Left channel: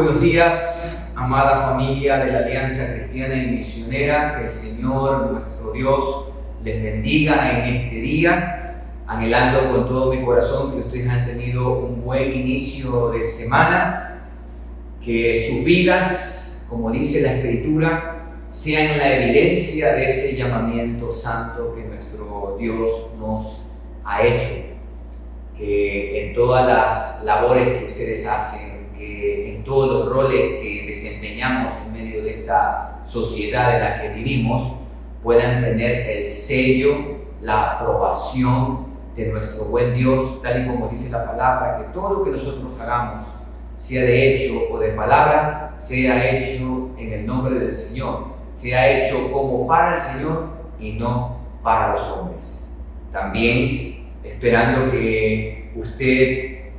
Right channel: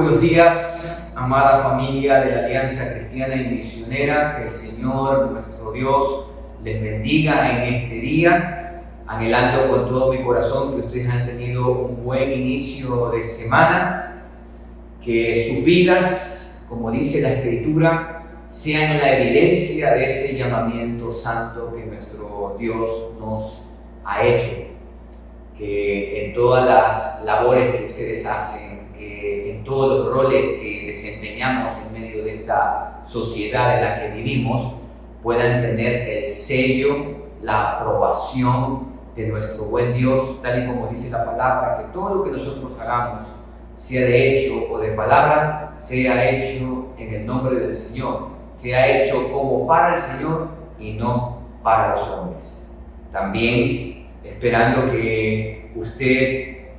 buenos días, amada familia de la Alianza Cristiana y Misionera. Que el Señor, nuestro Dios, les bendiga en este día, anhelando con todo mi corazón que ustedes han tenido un buen inicio de semana, que sus vidas, como dice la Escritura, sean la evidencia de ese llamamiento santo que nuestro Dios nos ha hecho. Que en todas las labores que ustedes hacen, que en todos los roles que desempeñamos en medio de esta sociedad en la que vivimos, puedan tener el sello, la aprobación de nuestro buen Dios, tal y como dice la palabra, que todo lo que nosotros hagamos, sea de hecho o de palabra, sea hecho en el nombre del Señor, sea hecho como para el Señor y no para los hombres. También esperando que usted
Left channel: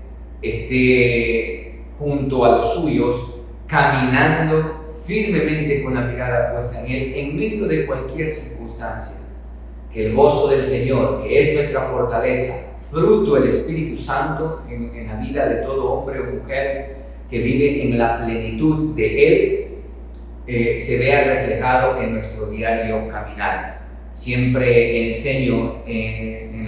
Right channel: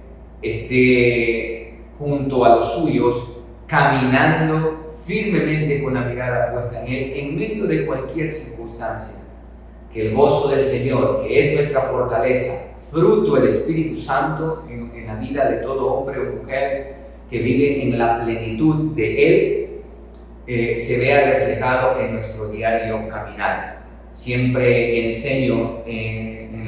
esté junto a los suyos, caminando firmemente con la mirada puesta en Él, en medio de cualquier circunstancia. Que el gozo del Señor, que es nuestra fortaleza, fruto del Espíritu Santo en la vida de todo hombre o mujer que vive en la plenitud de Él, se vea reflejado en nuestro diario caminar. Siempre enseño en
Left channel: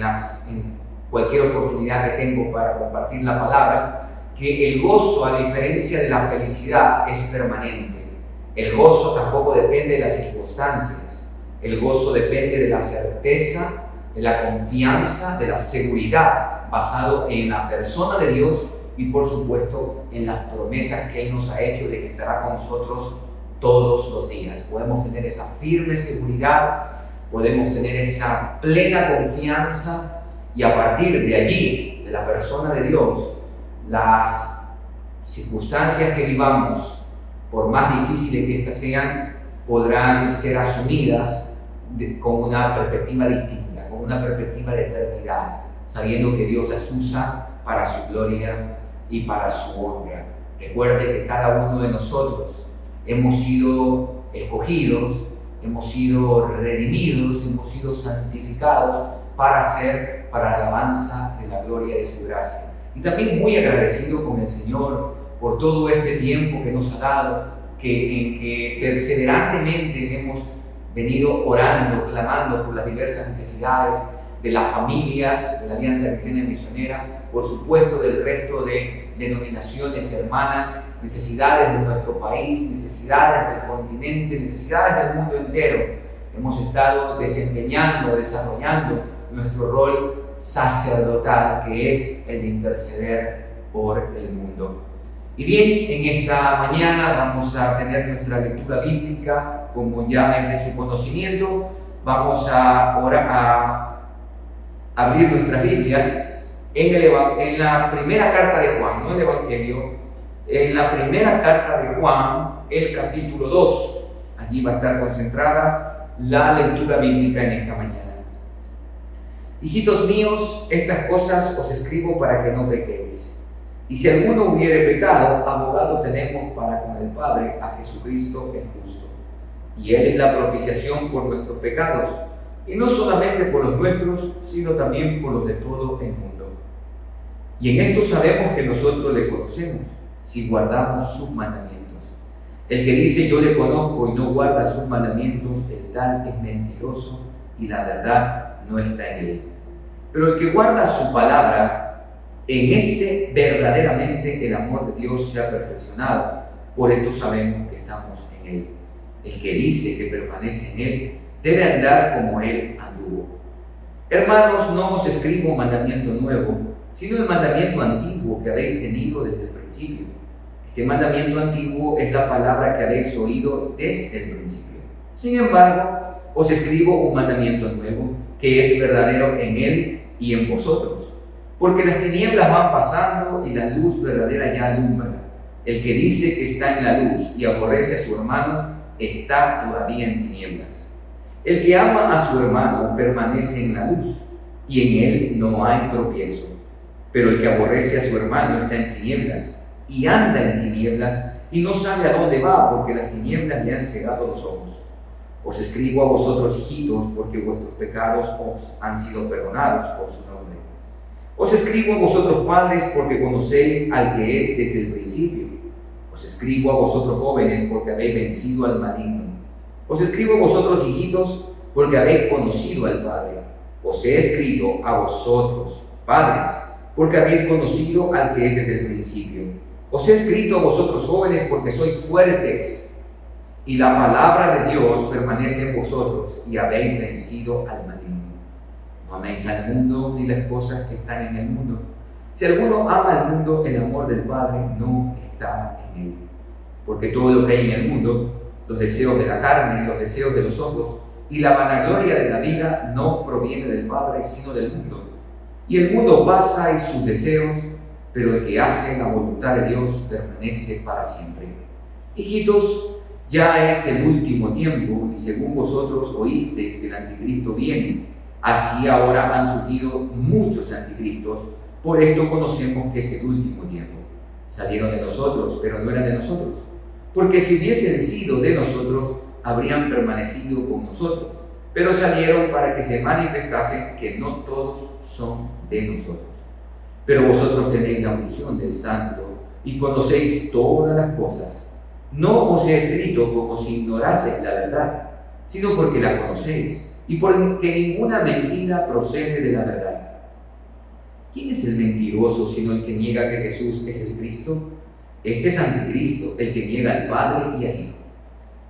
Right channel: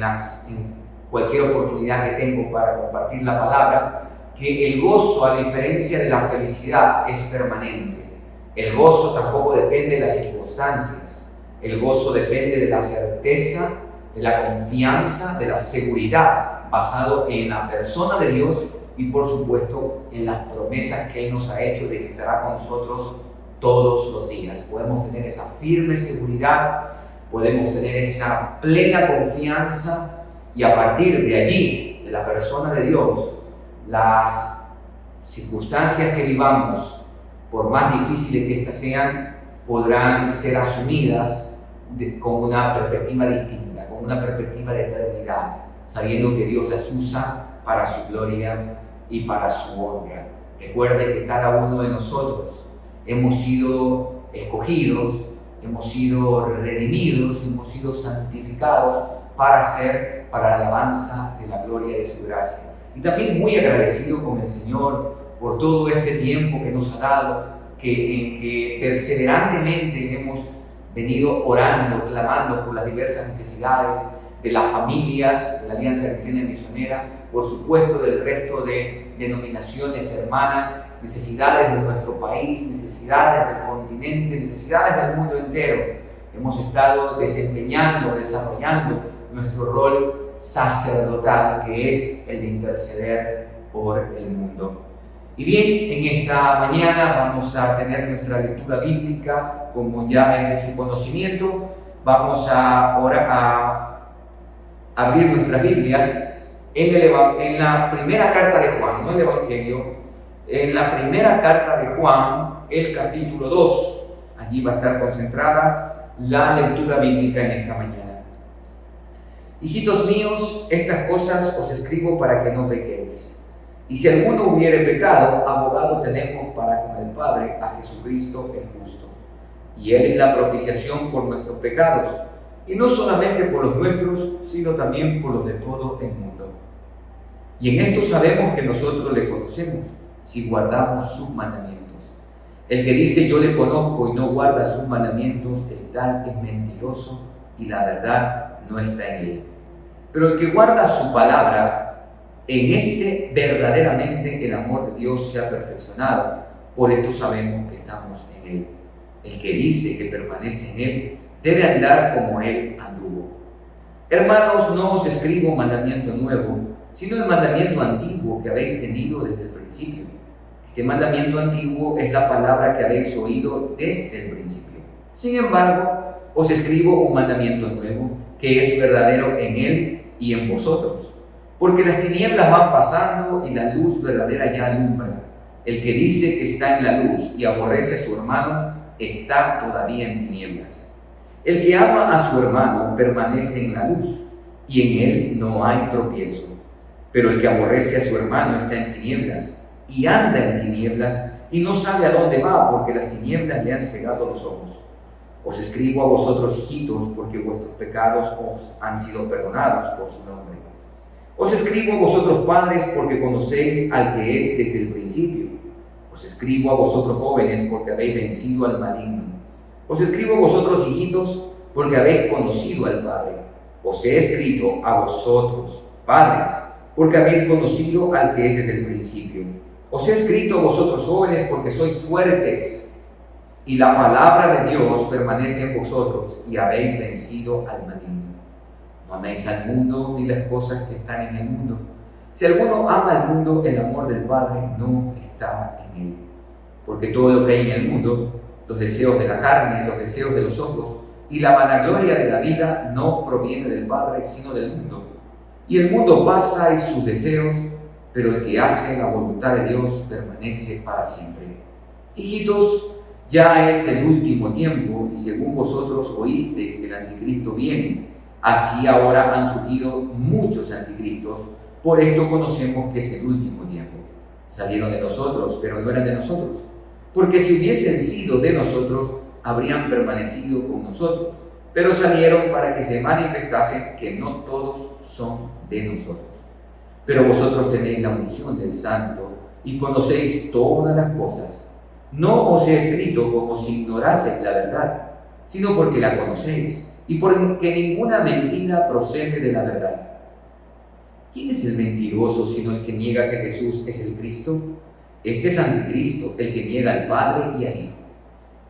cualquier oportunidad que tengo para compartir la palabra, que el gozo, a diferencia de la felicidad, es permanente. El gozo tampoco depende de las circunstancias. El gozo depende de la certeza, de la confianza, de la seguridad, basado en la persona de Dios y, por supuesto, en las promesas que Él nos ha hecho de que estará con nosotros todos los días. Podemos tener esa firme seguridad, podemos tener esa plena confianza, y a partir de allí, de la persona de Dios, las circunstancias que vivamos, por más difíciles que éstas sean, podrán ser asumidas con una perspectiva distinta, con una perspectiva de eternidad, sabiendo que Dios las usa para su gloria y para su honra. Recuerde que cada uno de nosotros hemos sido escogidos, hemos sido redimidos, hemos sido santificados para la alabanza de la gloria de su gracia. Y también muy agradecido con el Señor por todo este tiempo que nos ha dado, en que perseverantemente hemos venido orando, clamando por las diversas necesidades de las familias de la Alianza Cristiana y Misionera, por supuesto del resto de denominaciones hermanas, necesidades de nuestro país, necesidades del continente, necesidades del mundo entero. Hemos estado desempeñando, desarrollando nuestro rol sacerdotal, que es el de interceder por el mundo. Y bien, en esta mañana vamos a tener nuestra lectura bíblica, como ya es de su conocimiento. Vamos a abrir nuestras Biblias en la primera carta de Juan, no el Evangelio, en la primera carta de Juan, el capítulo 2. Allí va a estar concentrada la lectura bíblica en esta mañana. Hijitos míos, estas cosas os escribo para que no pequéis. Y si alguno hubiere pecado, abogado tenemos para con el Padre, a Jesucristo el justo. Y Él es la propiciación por nuestros pecados, y no solamente por los nuestros, sino también por los de todo el mundo. Y en esto sabemos que nosotros le conocemos, si guardamos sus mandamientos. El que dice yo le conozco y no guarda sus mandamientos, el tal es mentiroso, y la verdad no está en él. Pero el que guarda su palabra, en este verdaderamente el amor de Dios se ha perfeccionado. Por esto sabemos que estamos en Él. El que dice que permanece en Él debe andar como Él anduvo. Hermanos, no os escribo mandamiento nuevo, sino el mandamiento antiguo que habéis tenido desde el principio. Este mandamiento antiguo es la palabra que habéis oído desde el principio. Sin embargo, os escribo un mandamiento nuevo, que es verdadero en Él y en vosotros. Porque las tinieblas van pasando y la luz verdadera ya alumbra. El que dice que está en la luz y aborrece a su hermano, está todavía en tinieblas. El que ama a su hermano permanece en la luz, y en él no hay tropiezo. Pero el que aborrece a su hermano está en tinieblas, y anda en tinieblas, y no sabe a dónde va, porque las tinieblas le han cegado los ojos. Os escribo a vosotros, hijitos, porque vuestros pecados os han sido perdonados por su nombre. Os escribo a vosotros, padres, porque conocéis al que es desde el principio. Os escribo a vosotros jóvenes porque habéis vencido al maligno. Os escribo a vosotros hijitos porque habéis conocido al Padre. Os he escrito a vosotros, padres, porque habéis conocido al que es desde el principio. Os he escrito a vosotros jóvenes porque sois fuertes y la palabra de Dios permanece en vosotros y habéis vencido al maligno. No améis al mundo ni las cosas que están en el mundo. Si alguno ama al mundo, el amor del Padre no está en él. Porque todo lo que hay en el mundo, los deseos de la carne, los deseos de los ojos y la vanagloria de la vida no proviene del Padre, sino del mundo. Y el mundo pasa y sus deseos, pero el que hace la voluntad de Dios permanece para siempre. Hijitos, ya es el último tiempo, y según vosotros oísteis que el anticristo viene, así ahora han surgido muchos anticristos. Por esto conocemos que es el último tiempo. Salieron de nosotros, pero no eran de nosotros. Porque si hubiesen sido de nosotros, habrían permanecido con nosotros. Pero salieron para que se manifestase que no todos son de nosotros. Pero vosotros tenéis la unción del Santo y conocéis todas las cosas. No os he escrito como si ignoraseis la verdad, sino porque la conocéis y porque ninguna mentira procede de la verdad. ¿Quién es el mentiroso sino el que niega que Jesús es el Cristo? Este es anticristo, el que niega al Padre y al Hijo.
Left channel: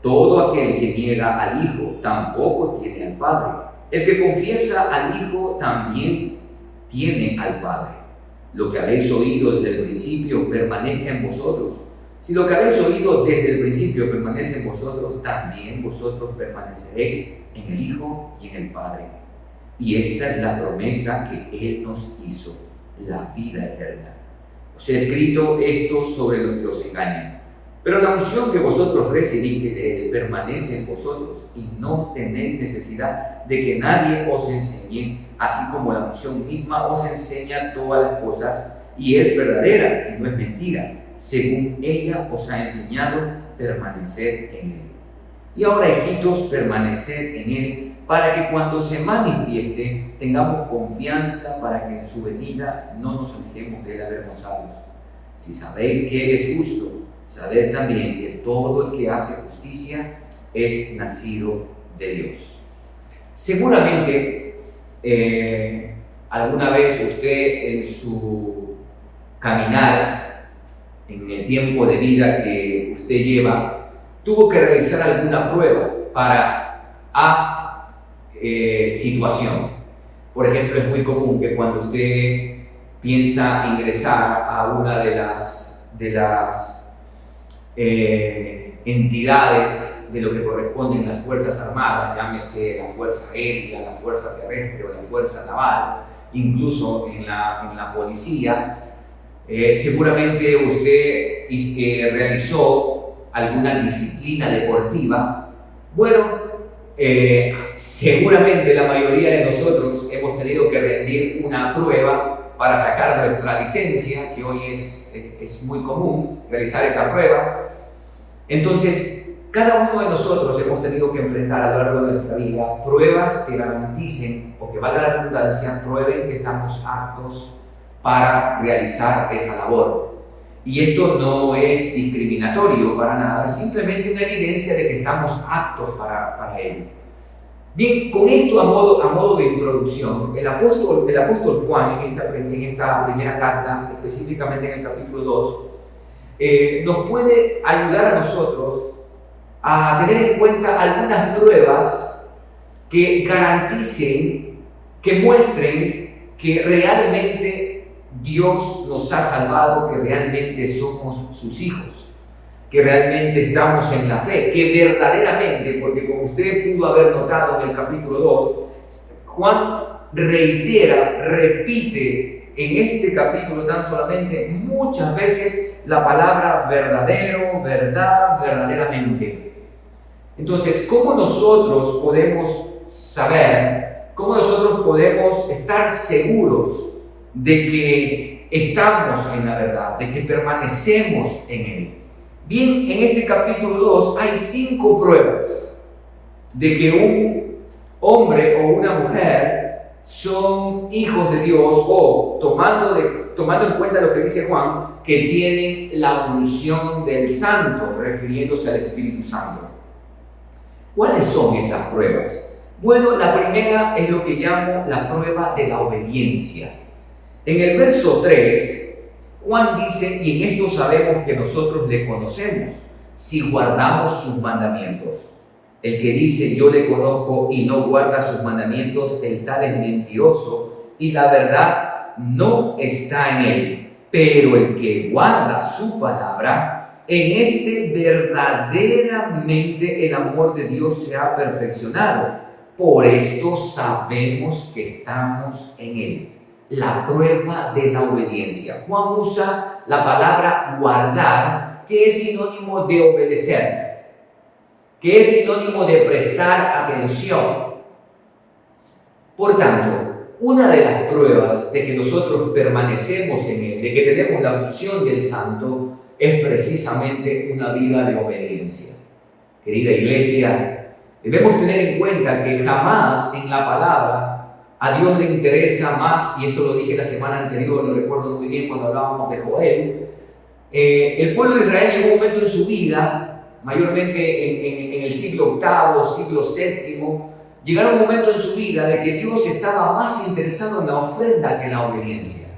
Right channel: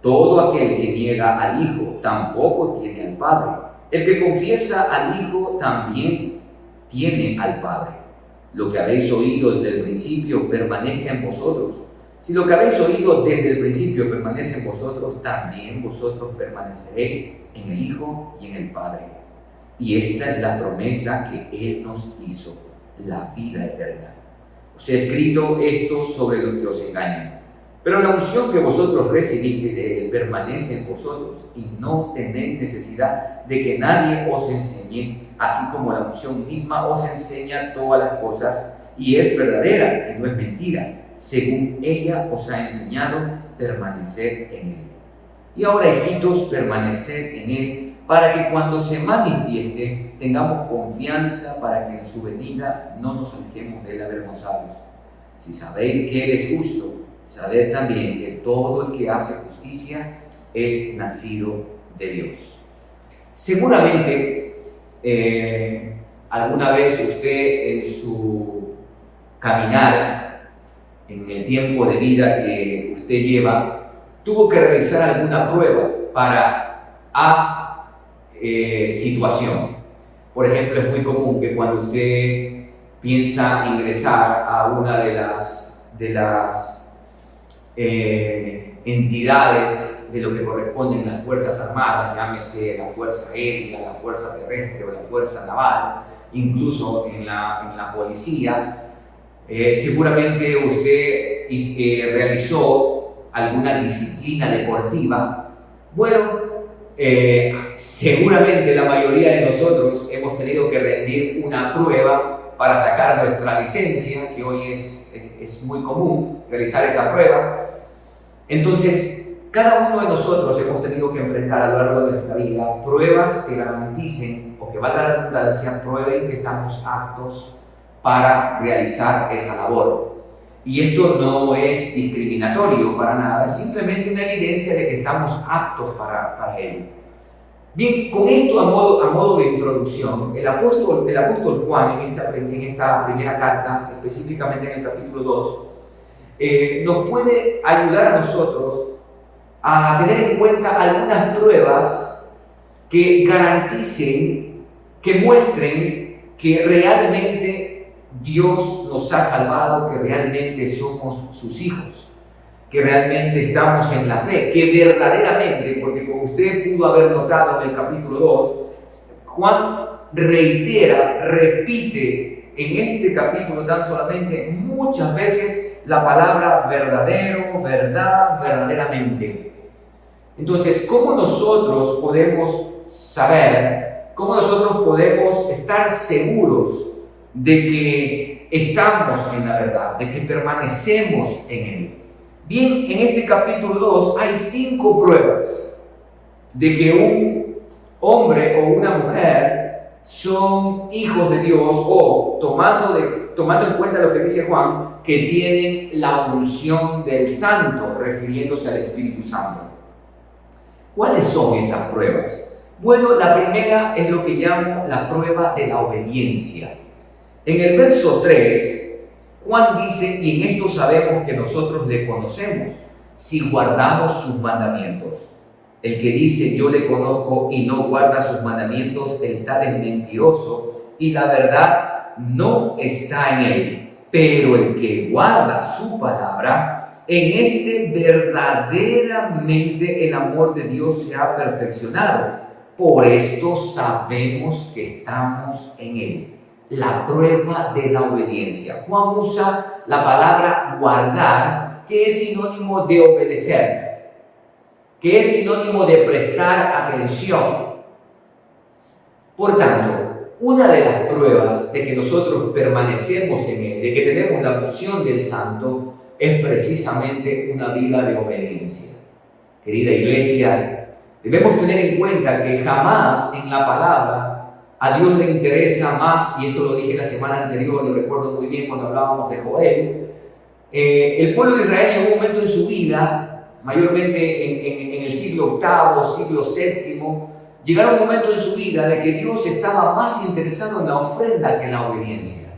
Todo aquel que niega al Hijo tampoco tiene al Padre. El que confiesa al Hijo también tiene al Padre. Lo que habéis oído desde el principio permanezca en vosotros. Si lo que habéis oído desde el principio permanece en vosotros, también vosotros permaneceréis en el Hijo y en el Padre. Y esta es la promesa que Él nos hizo, la vida eterna. Os he escrito esto sobre los que os engañan. Pero la unción que vosotros recibisteis de Él permanece en vosotros y no tenéis necesidad de que nadie os enseñe, así como la unción misma os enseña todas las cosas y es verdadera y no es mentira. Según ella os ha enseñado, permaneced en Él. Y ahora, hijitos, permaneced en Él, para que cuando se manifieste tengamos confianza para que en su venida no nos alejemos de Él avergonzados. Si sabéis que Él es justo, sabed también que todo el que hace justicia es nacido de Dios. Seguramente alguna vez usted en su caminar, en el tiempo de vida que usted lleva, tuvo que realizar alguna prueba para situación. Por ejemplo, es muy común que cuando usted piensa ingresar a una de las entidades de lo que corresponden las Fuerzas Armadas, llámese la Fuerza Aérea, la Fuerza Terrestre o la Fuerza Naval, incluso en la policía, seguramente usted realizó alguna disciplina deportiva. Bueno, seguramente la mayoría de nosotros hemos tenido que rendir una prueba para sacar nuestra licencia, que hoy es muy común realizar esa prueba. Entonces, cada uno de nosotros hemos tenido que enfrentar a lo largo de nuestra vida pruebas que garanticen, o que valga la redundancia, prueben que estamos aptos para realizar esa labor. Y esto no es discriminatorio para nada, es simplemente una evidencia de que estamos aptos para ello. Bien, con esto a modo de introducción, el apóstol Juan en esta primera carta, específicamente en el capítulo 2, nos puede ayudar a nosotros a tener en cuenta algunas pruebas que garanticen, que muestren que realmente Dios nos ha salvado, que realmente somos sus hijos, que realmente estamos en la fe, que verdaderamente, porque como usted pudo haber notado en el capítulo 2, Juan repite en este capítulo tan solamente muchas veces la palabra verdadero, verdad, verdaderamente. Entonces, ¿cómo nosotros podemos saber, cómo nosotros podemos estar seguros de que estamos en la verdad, de que permanecemos en Él? Bien, en este capítulo 2 hay 5 pruebas de que un hombre o una mujer son hijos de Dios, o tomando en cuenta lo que dice Juan, que tienen la unción del Santo, refiriéndose al Espíritu Santo. ¿Cuáles son esas pruebas? Bueno, la primera es lo que llamo la prueba de la obediencia. En el verso 3, Juan dice, y en esto sabemos que nosotros le conocemos, si guardamos sus mandamientos. El que dice, yo le conozco y no guarda sus mandamientos, el tal es mentiroso, y la verdad no está en él. Pero el que guarda su palabra, en este verdaderamente el amor de Dios se ha perfeccionado. Por esto sabemos que estamos en él. La prueba de la obediencia. Juan usa la palabra guardar, que es sinónimo de obedecer, que es sinónimo de prestar atención. Por tanto, una de las pruebas de que nosotros permanecemos en él, de que tenemos la unción del Santo, es precisamente una vida de obediencia. Querida iglesia, debemos tener en cuenta que jamás en la palabra a Dios le interesa más, y esto lo dije la semana anterior, lo recuerdo muy bien cuando hablábamos de Joel. El pueblo de Israel llegó un momento en su vida, mayormente en el siglo VIII, siglo VII, llegaron un momento en su vida de que Dios estaba más interesado en la ofrenda que en la obediencia.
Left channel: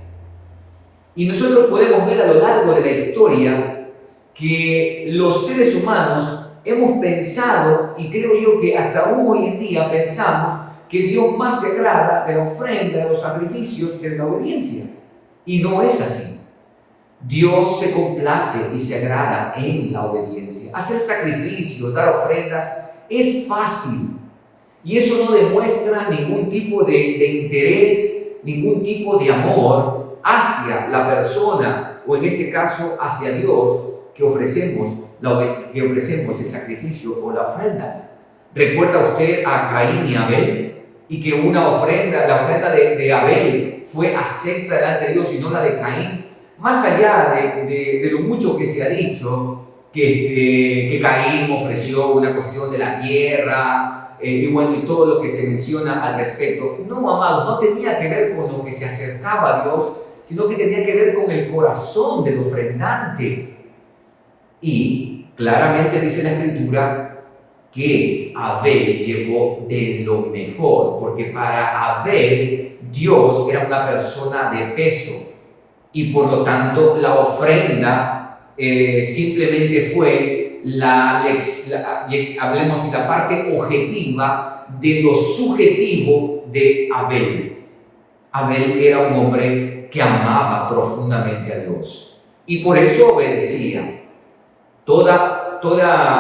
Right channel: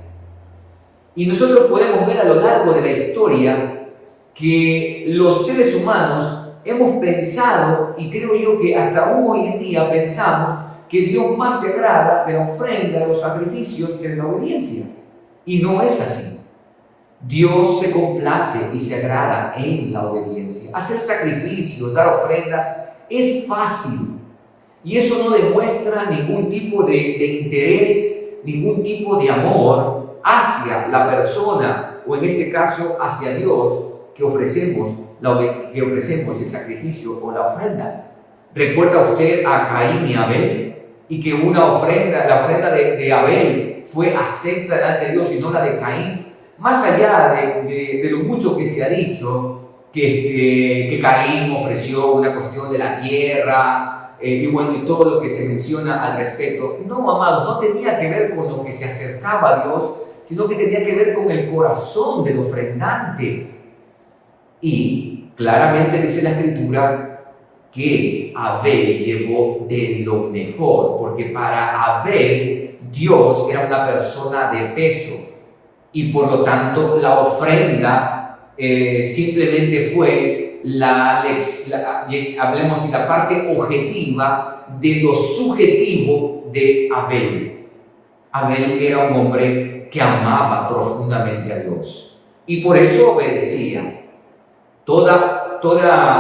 Y nosotros podemos ver a lo largo de la historia que los seres humanos hemos pensado, y creo yo que hasta hoy en día pensamos, que Dios más se agrada de la ofrenda, de los sacrificios, que de la obediencia. Y no es así. Dios se complace y se agrada en la obediencia. Hacer sacrificios, dar ofrendas, es fácil. Y eso no demuestra ningún tipo de interés, ningún tipo de amor hacia la persona, o en este caso hacia Dios, que ofrecemos el sacrificio o la ofrenda. ¿Recuerda usted a Caín y Abel? Y que la ofrenda de Abel fue acepta delante de Dios y no la de Caín. Más allá de lo mucho que se ha dicho, que Caín ofreció una cuestión de la tierra, y todo lo que se menciona al respecto. No, amados, no tenía que ver con lo que se acercaba a Dios, sino que tenía que ver con el corazón del ofrendante. Y claramente dice la Escritura que Abel llevó de lo mejor, porque para Abel Dios era una persona de peso, y por lo tanto la ofrenda simplemente fue hablemos de la parte objetiva de lo subjetivo de Abel. Abel era un hombre que amaba profundamente a Dios y por eso obedecía. Toda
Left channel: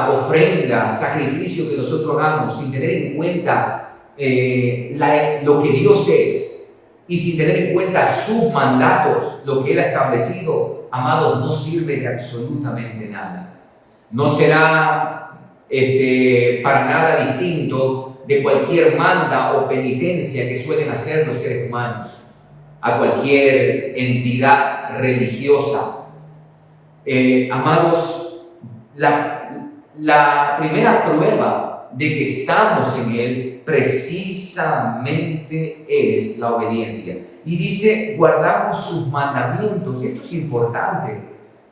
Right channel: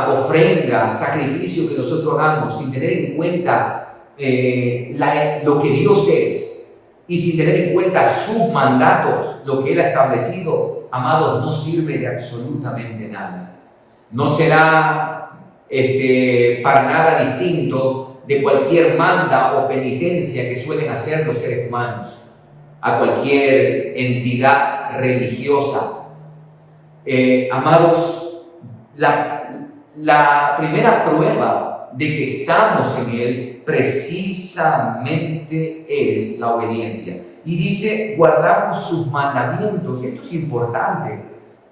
ofrenda, sacrificio que nosotros hagamos sin tener en cuenta lo que Dios es y sin tener en cuenta sus mandatos, lo que Él ha establecido, amados, no sirve de absolutamente nada. No será para nada distinto de cualquier manda o penitencia que suelen hacer los seres humanos a cualquier entidad religiosa. Amados, la primera prueba de que estamos en Él precisamente es la obediencia. Y dice, guardamos sus mandamientos. Esto es importante,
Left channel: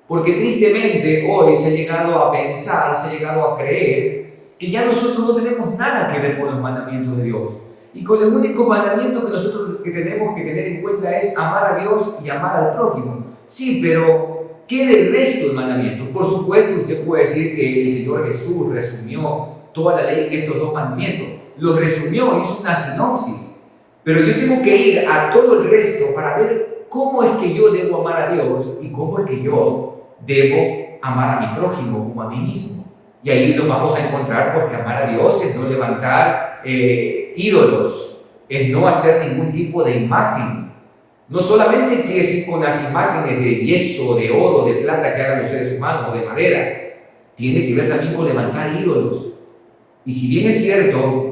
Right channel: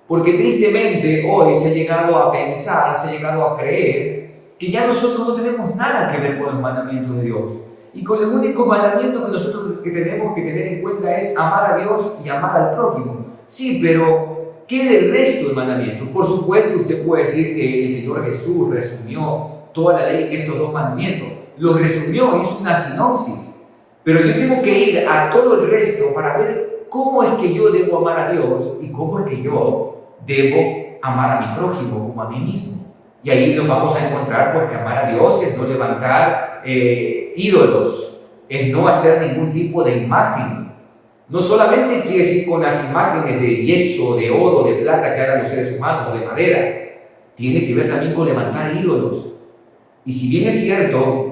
porque tristemente hoy se ha llegado a pensar, se ha llegado a creer que ya nosotros no tenemos nada que ver con los mandamientos de Dios. Y con el único mandamiento que nosotros tenemos que tener en cuenta es amar a Dios y amar al prójimo. Sí, pero ¿qué del resto de mandamientos? Por supuesto, usted puede decir que el Señor Jesús resumió toda la ley en estos dos mandamientos. Los resumió, hizo una sinopsis. Pero yo tengo que ir a todo el resto para ver cómo es que yo debo amar a Dios y cómo es que yo debo amar a mi prójimo como a mí mismo. Y ahí nos vamos a encontrar, porque amar a Dios es no levantar ídolos, es no hacer ningún tipo de imagen. No solamente quiere decir con las imágenes de yeso, de oro, de plata que hagan los seres humanos, o de madera. Tiene que ver también con levantar ídolos. Y si bien es cierto,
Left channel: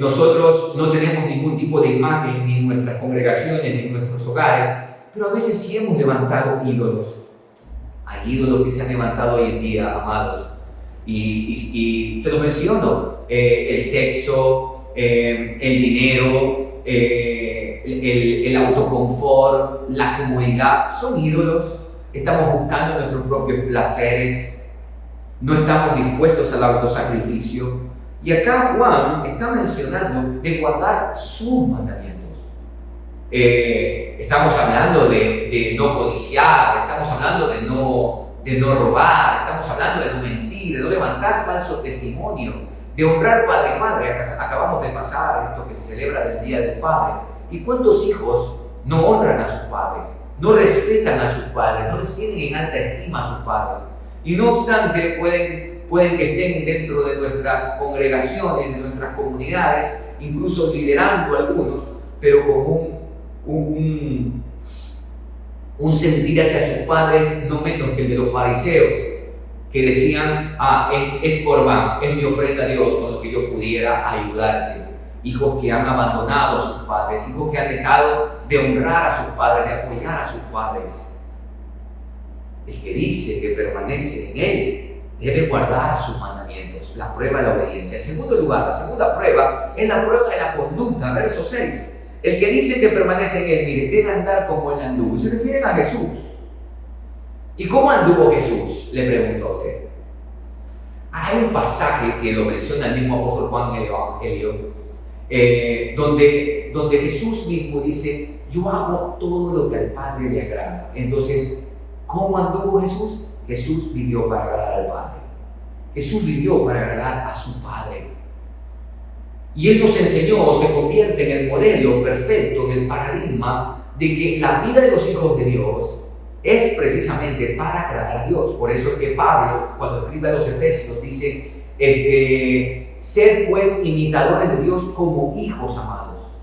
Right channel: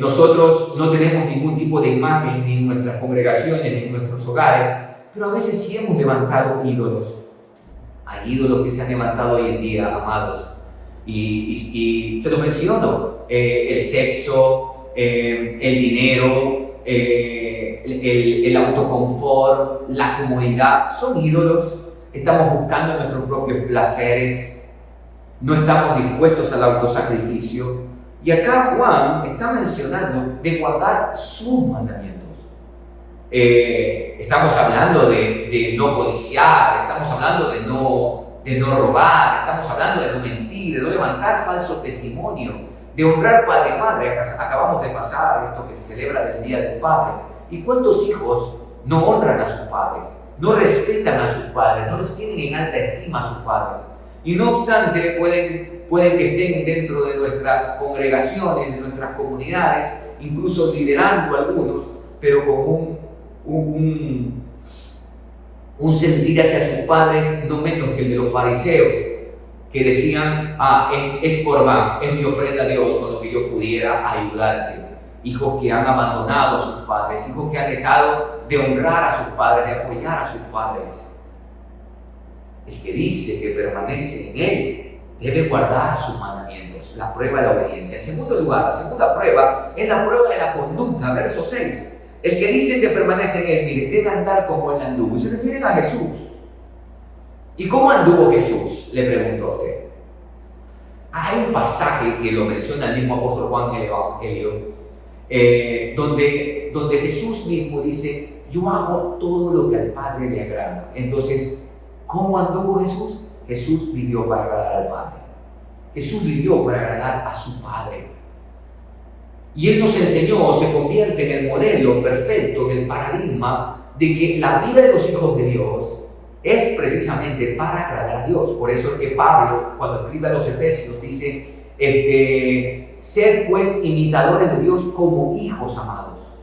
nosotros no tenemos ningún tipo de imagen ni en nuestras congregaciones ni en nuestros hogares, pero a veces sí hemos levantado ídolos. Hay ídolos que se han levantado hoy en día, amados. Y se los menciono: el sexo, el dinero, el autoconfort, la comodidad, son ídolos. estamos buscando nuestros propios placeres, no estamos dispuestos al autosacrificio. Y acá Juan está mencionando de guardar sus mandamientos. Estamos hablando de no codiciar, estamos hablando de no robar, estamos hablando de no mentir, de no levantar falso testimonio, de honrar padre y madre. Acabamos de pasar esto que se celebra del Día del Padre. ¿Y cuántos hijos no honran a sus padres, no respetan a sus padres, no los tienen en alta estima a sus padres? Y no obstante, pueden que estén dentro de nuestras congregaciones, de nuestras comunidades, incluso liderando algunos, pero con un sentir hacia sus padres no menos que el de los fariseos, que decían: es Corbán, es mi ofrenda a Dios con lo que yo pudiera ayudarte. Hijos que han abandonado a sus padres, hijos que han dejado de honrar a sus padres, de apoyar a sus padres. El que dice que permanece en Él debe guardar sus mandamientos, la prueba de la obediencia. En segundo lugar, la segunda prueba es la prueba de la conducta, verso 6. El que dice que permanece en Él, mire, debe andar como Él anduvo. Y se refieren a Jesús. ¿Y cómo anduvo Jesús?, le pregunto a usted. Hay un pasaje que lo menciona el mismo apóstol Juan en el Evangelio, donde Jesús mismo dice: yo hago todo lo que al Padre le agrada. Entonces, ¿cómo anduvo Jesús? Jesús vivió para agradar al Padre. Jesús vivió para agradar a su Padre. Y Él nos enseñó, se convierte en el modelo perfecto, en el paradigma de que la vida de los hijos de Dios es precisamente para agradar a Dios. Por eso es que Pablo, cuando escribe a los Efesios, dice: sed pues imitadores de Dios como hijos amados.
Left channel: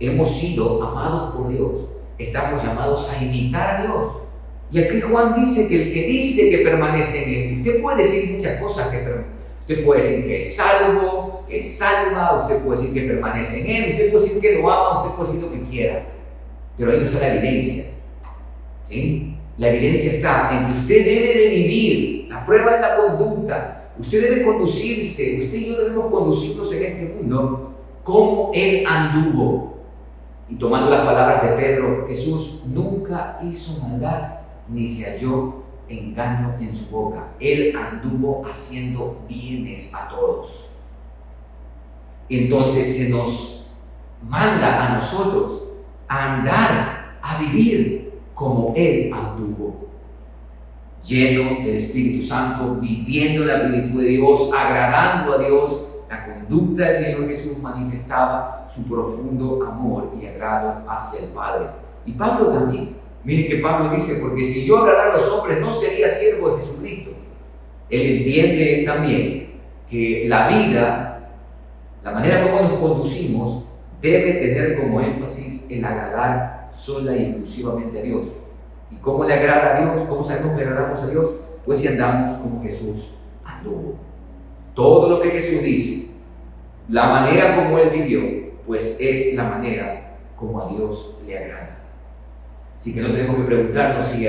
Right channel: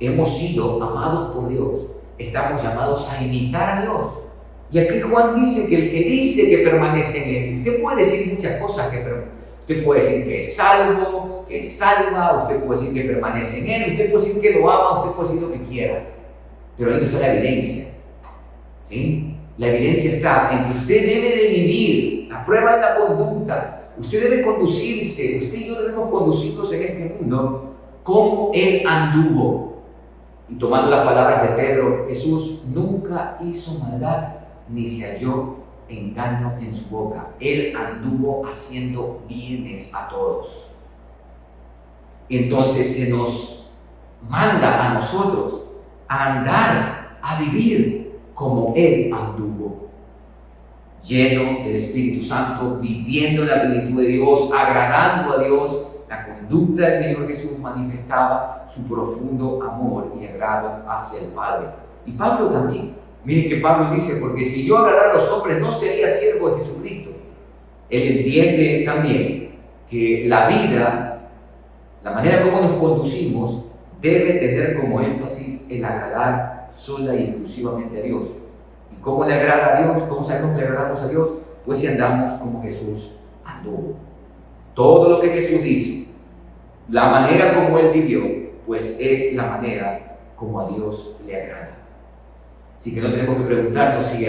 Hemos sido amados por Dios, estamos llamados a imitar a Dios. Y aquí Juan dice que el que dice que permanece en Él, usted puede decir muchas cosas, usted puede decir que es salvo, que es salva, usted puede decir que permanece en Él, usted puede decir que lo ama, usted puede decir lo que quiera, pero ahí no está la evidencia, ¿sí? La evidencia está en que usted debe de vivir la prueba de la conducta, usted debe conducirse, usted y yo debemos conducirnos en este mundo como Él anduvo. Y tomando las palabras de Pedro, Jesús nunca hizo maldad, ni se halló engaño en su boca. Él anduvo haciendo bienes a todos. Entonces se nos manda a nosotros a andar, a vivir como Él anduvo, lleno del Espíritu Santo, viviendo la plenitud de Dios, agradando a Dios. La conducta del Señor Jesús manifestaba su profundo amor y agrado hacia el Padre. Y Pablo también. Miren que Pablo dice: porque si yo agradara a los hombres, no sería siervo de Jesucristo. Él entiende también que la vida, la manera como nos conducimos, debe tener como énfasis el agradar sola y exclusivamente a Dios. ¿Y cómo le agrada a Dios? ¿Cómo sabemos que le agradamos a Dios? Pues si andamos como Jesús anduvo. Todo lo que Jesús dice, la manera como Él vivió, pues es la manera como a Dios le agrada. Así que no tenemos que preguntarnos si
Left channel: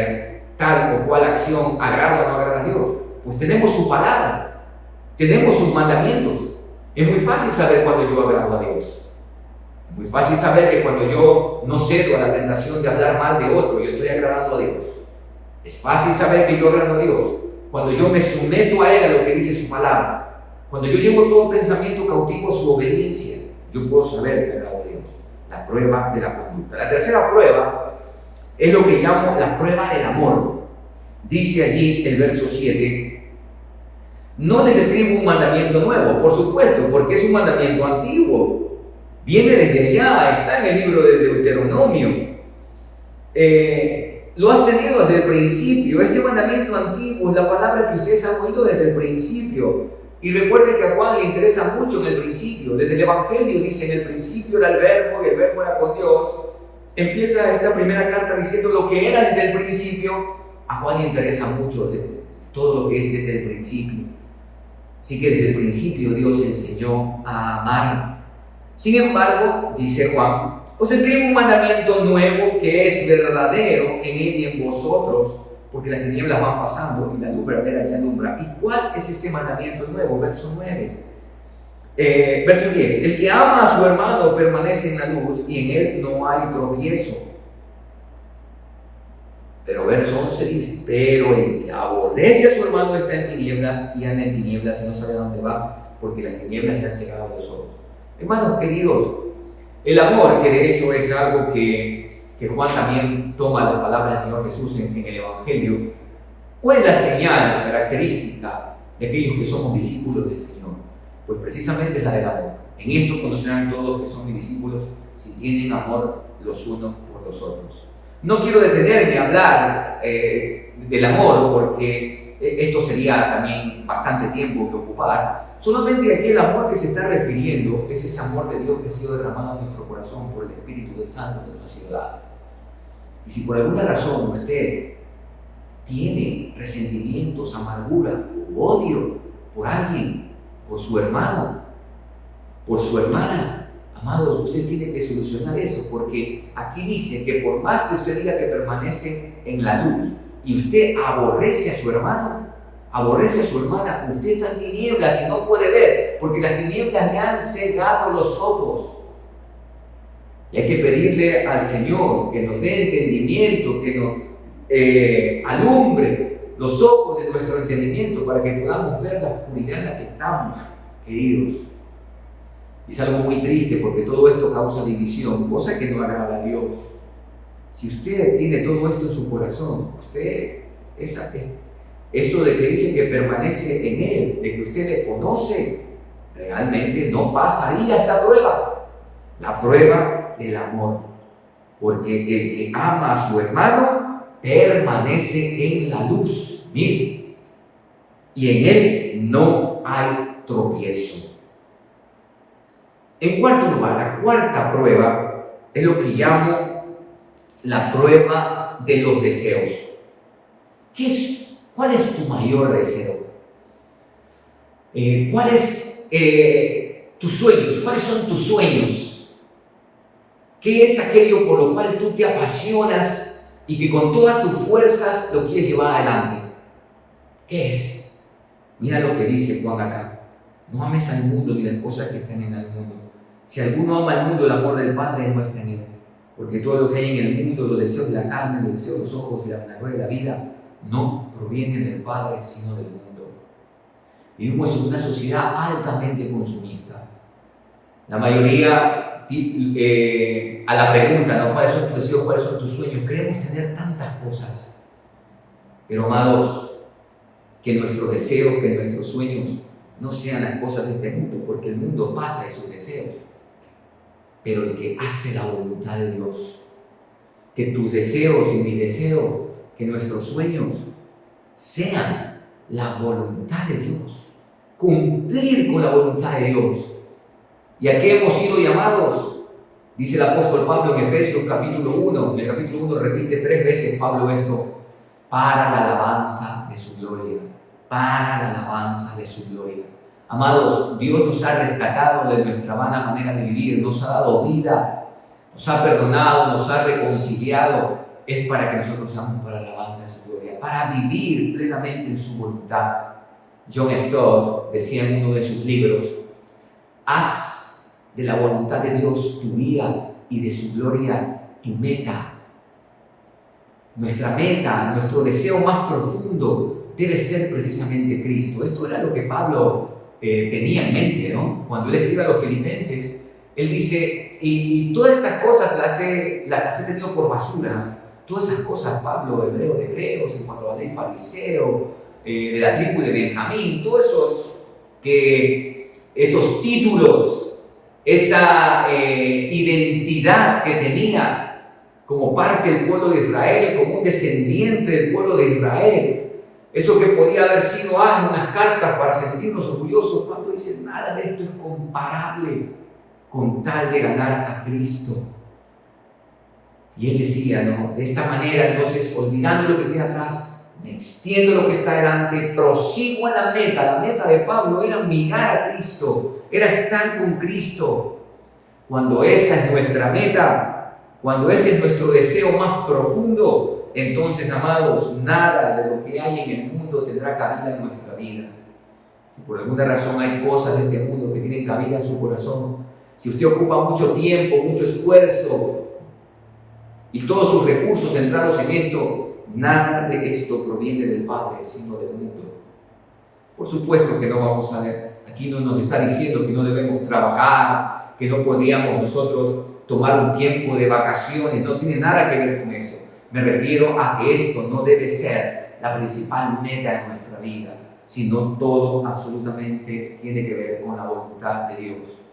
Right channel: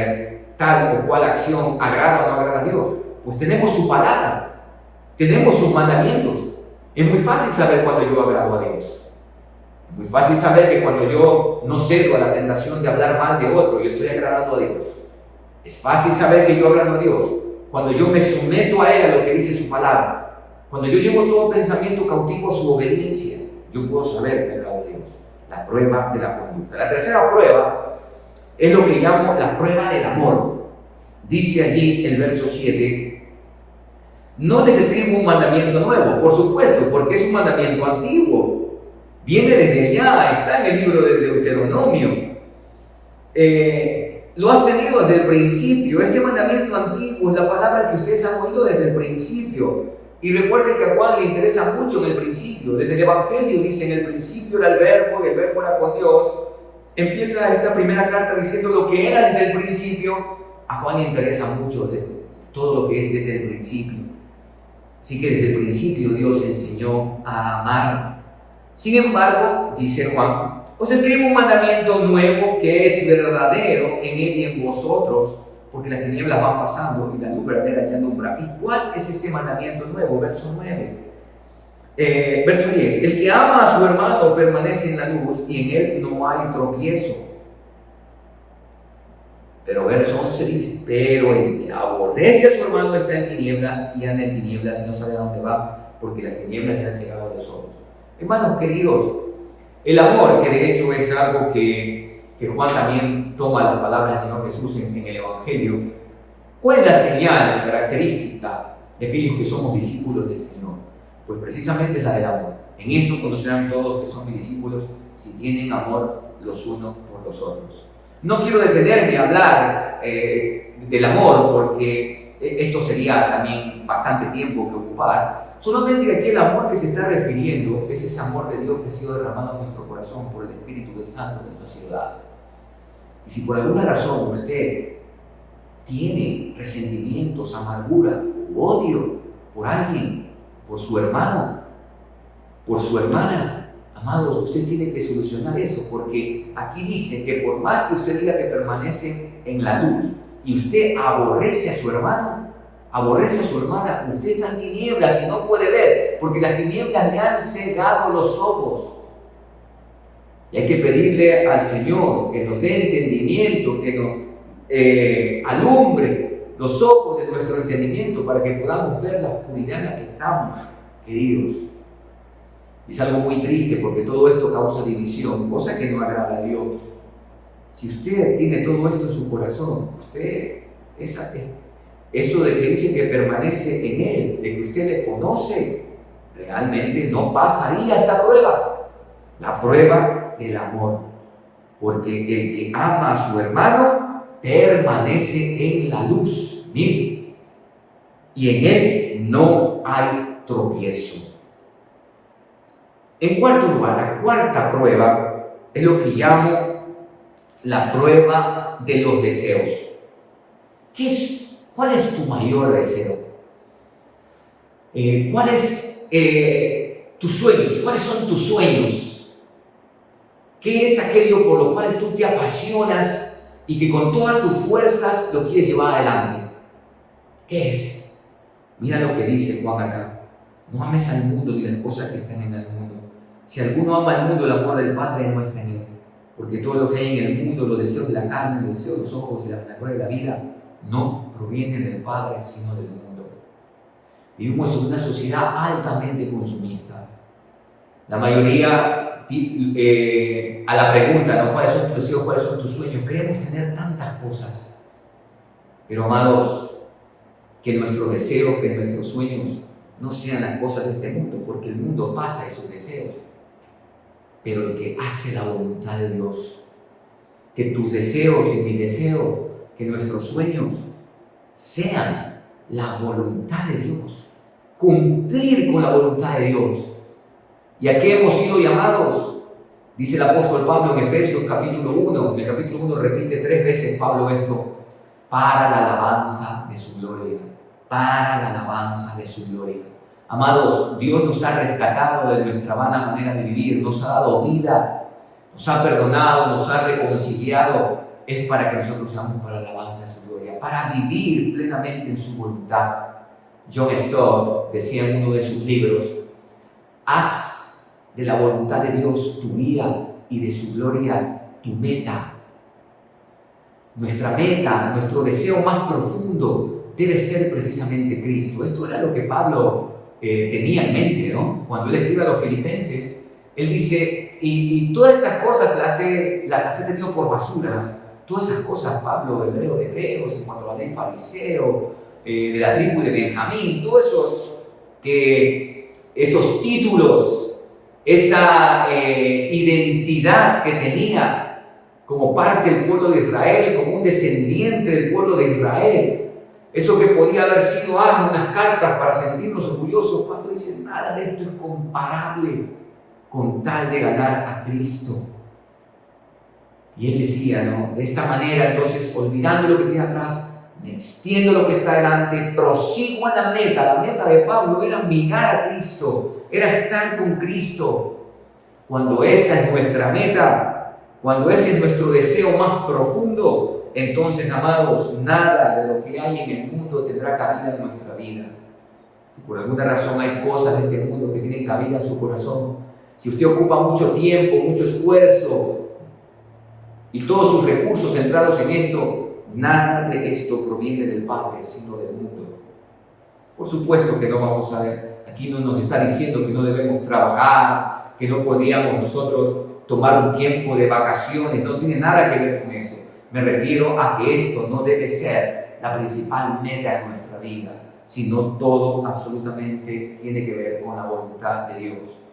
tal o cual acción agrada o no agrada a Dios. Pues tenemos su palabra, tenemos sus mandamientos. Es muy fácil saber cuando yo agrado a Dios. Es muy fácil saber que cuando yo no cedo a la tentación de hablar mal de otro, yo estoy agradando a Dios. Es fácil saber que yo agrado a Dios cuando yo me someto a Él, a lo que dice su palabra. Cuando yo llevo todo pensamiento cautivo a su obediencia, yo puedo saber que agrado a Dios. La prueba de la conducta. La tercera prueba es lo que llamo la prueba del amor. Dice allí el verso 7: no les escribo un mandamiento nuevo, por supuesto, porque es un mandamiento antiguo. Viene desde allá, está en el libro de Deuteronomio. Lo has tenido desde el principio. Este mandamiento antiguo es la palabra que ustedes han oído desde el principio. Y recuerden que a Juan le interesa mucho en el principio. Desde el Evangelio dice: en el principio era el Verbo, y el Verbo era con Dios. Empieza esta primera carta diciendo lo que era desde el principio. A Juan le interesa mucho de todo lo que es desde el principio. Así que desde el principio Dios enseñó a amar. Sin embargo, dice Juan, os escribo un mandamiento nuevo que es verdadero en Él y en vosotros, porque las tinieblas van pasando y la luz verdadera ya alumbra. ¿Y cuál es este mandamiento nuevo? Verso 9. Verso 10. El que ama a su hermano permanece en la luz y en él no hay tropiezo. Pero verso 11 dice, pero el que aborrece a su hermano está en tinieblas y anda en tinieblas y no sabe a dónde va, porque las tinieblas le han cegado los ojos. Hermanos queridos, el amor, que de hecho es algo que Juan también toma la palabra del Señor Jesús en el Evangelio, ¿cuál es la señal característica de aquellos que somos discípulos del Señor? Pues precisamente es la del amor. En esto conocerán todos que son mis discípulos si tienen amor los unos por los otros. No quiero detenerme a hablar del amor porque esto sería también bastante tiempo que ocupar. Solamente aquí el amor que se está refiriendo es ese amor de Dios que ha sido derramado en nuestro corazón por el Espíritu del Santo de nuestra ciudad. Y si por alguna razón usted tiene resentimientos, amargura o odio por alguien, por su hermano, por su hermana, amados, usted tiene que solucionar eso, porque aquí dice que por más que usted diga que permanece en la luz y usted aborrece a su hermano, aborrece a su hermana, usted está en tinieblas y no puede ver, porque las tinieblas le han cegado los ojos. Y hay que pedirle al Señor que nos dé entendimiento, que nos alumbre los ojos de nuestro entendimiento para que podamos ver la oscuridad en la que estamos, queridos. Y es algo muy triste porque todo esto causa división, cosa que no agrada a Dios. Si usted tiene todo esto en su corazón, eso de que dice que permanece en Él, de que usted le conoce, realmente no pasaría esta prueba, la prueba del amor. Porque el que ama a su hermano permanece en la luz, mire, y en Él no hay tropiezo. En cuarto lugar, la cuarta prueba es lo que llamo la prueba de los deseos. ¿Cuál es tu mayor deseo? ¿Cuál es tus sueños? ¿Cuáles son tus sueños? ¿Qué es aquello por lo cual tú te apasionas y que con todas tus fuerzas lo quieres llevar adelante? ¿Qué es? Mira lo que dice Juan acá. No ames al mundo ni las cosas que están en el mundo. Si alguno ama al mundo, el amor del Padre no está en él. Porque todo lo que hay en el mundo, los deseos de la carne, los deseos de los ojos y la vanagloria de la vida, no provienen del Padre, sino del mundo. Vivimos en una sociedad altamente consumista. La mayoría, a la pregunta, ¿no? ¿Cuáles son tus deseos? ¿Cuáles son tus sueños? Queremos tener tantas cosas. Pero, amados, que nuestros deseos, que nuestros sueños no sean las cosas de este mundo, porque el mundo pasa esos deseos. Pero el que hace la voluntad de Dios, que tus deseos y mis deseos, que nuestros sueños sean la voluntad de Dios, cumplir con la voluntad de Dios. ¿Y a qué hemos sido llamados? Dice el apóstol Pablo en Efesios capítulo 1, en el capítulo 1 repite 3 veces Pablo esto, para la alabanza de su gloria, para la alabanza de su gloria. Amados, Dios nos ha rescatado de nuestra vana manera de vivir, nos ha dado vida, nos ha perdonado, nos ha reconciliado. Es para que nosotros seamos para la alabanza de su gloria, para vivir plenamente en su voluntad. John Stott decía en uno de sus libros, haz de la voluntad de Dios tu guía y de su gloria tu meta. Nuestra meta, nuestro deseo más profundo debe ser precisamente Cristo. Esto era lo que Pablo tenía en mente, ¿no? Cuando él escribe a los filipenses, él dice, y todas estas cosas las he tenido por basura. Todas esas cosas, Pablo, hebreo de hebreos, en cuanto a la ley fariseo, de la tribu de Benjamín, todos esos títulos, esa identidad que tenía como parte del pueblo de Israel, como un descendiente del pueblo de Israel, eso que podía haber sido unas cartas para sentirnos orgullosos. Pablo dice, nada de esto es comparable con tal de ganar a Cristo. Y él decía, ¿no? De esta manera, entonces, olvidando lo que queda atrás, me extiendo lo que está delante, prosigo a la meta. La meta de Pablo era mirar a Cristo, era estar con Cristo. Cuando esa es nuestra meta, cuando ese es nuestro deseo más profundo, entonces, amados, nada de lo que hay en el mundo tendrá cabida en nuestra vida. Si por alguna razón hay cosas de este mundo que tienen cabida en su corazón, si usted ocupa mucho tiempo, mucho esfuerzo y todos sus recursos centrados en esto, nada de esto proviene del Padre, sino del mundo. Por supuesto que no vamos a ver, aquí no nos está diciendo que no debemos trabajar, que no podíamos nosotros tomar un tiempo de vacaciones, no tiene nada que ver con eso. Me refiero a que esto no debe ser la principal meta de nuestra vida, sino todo absolutamente tiene que ver con la voluntad de Dios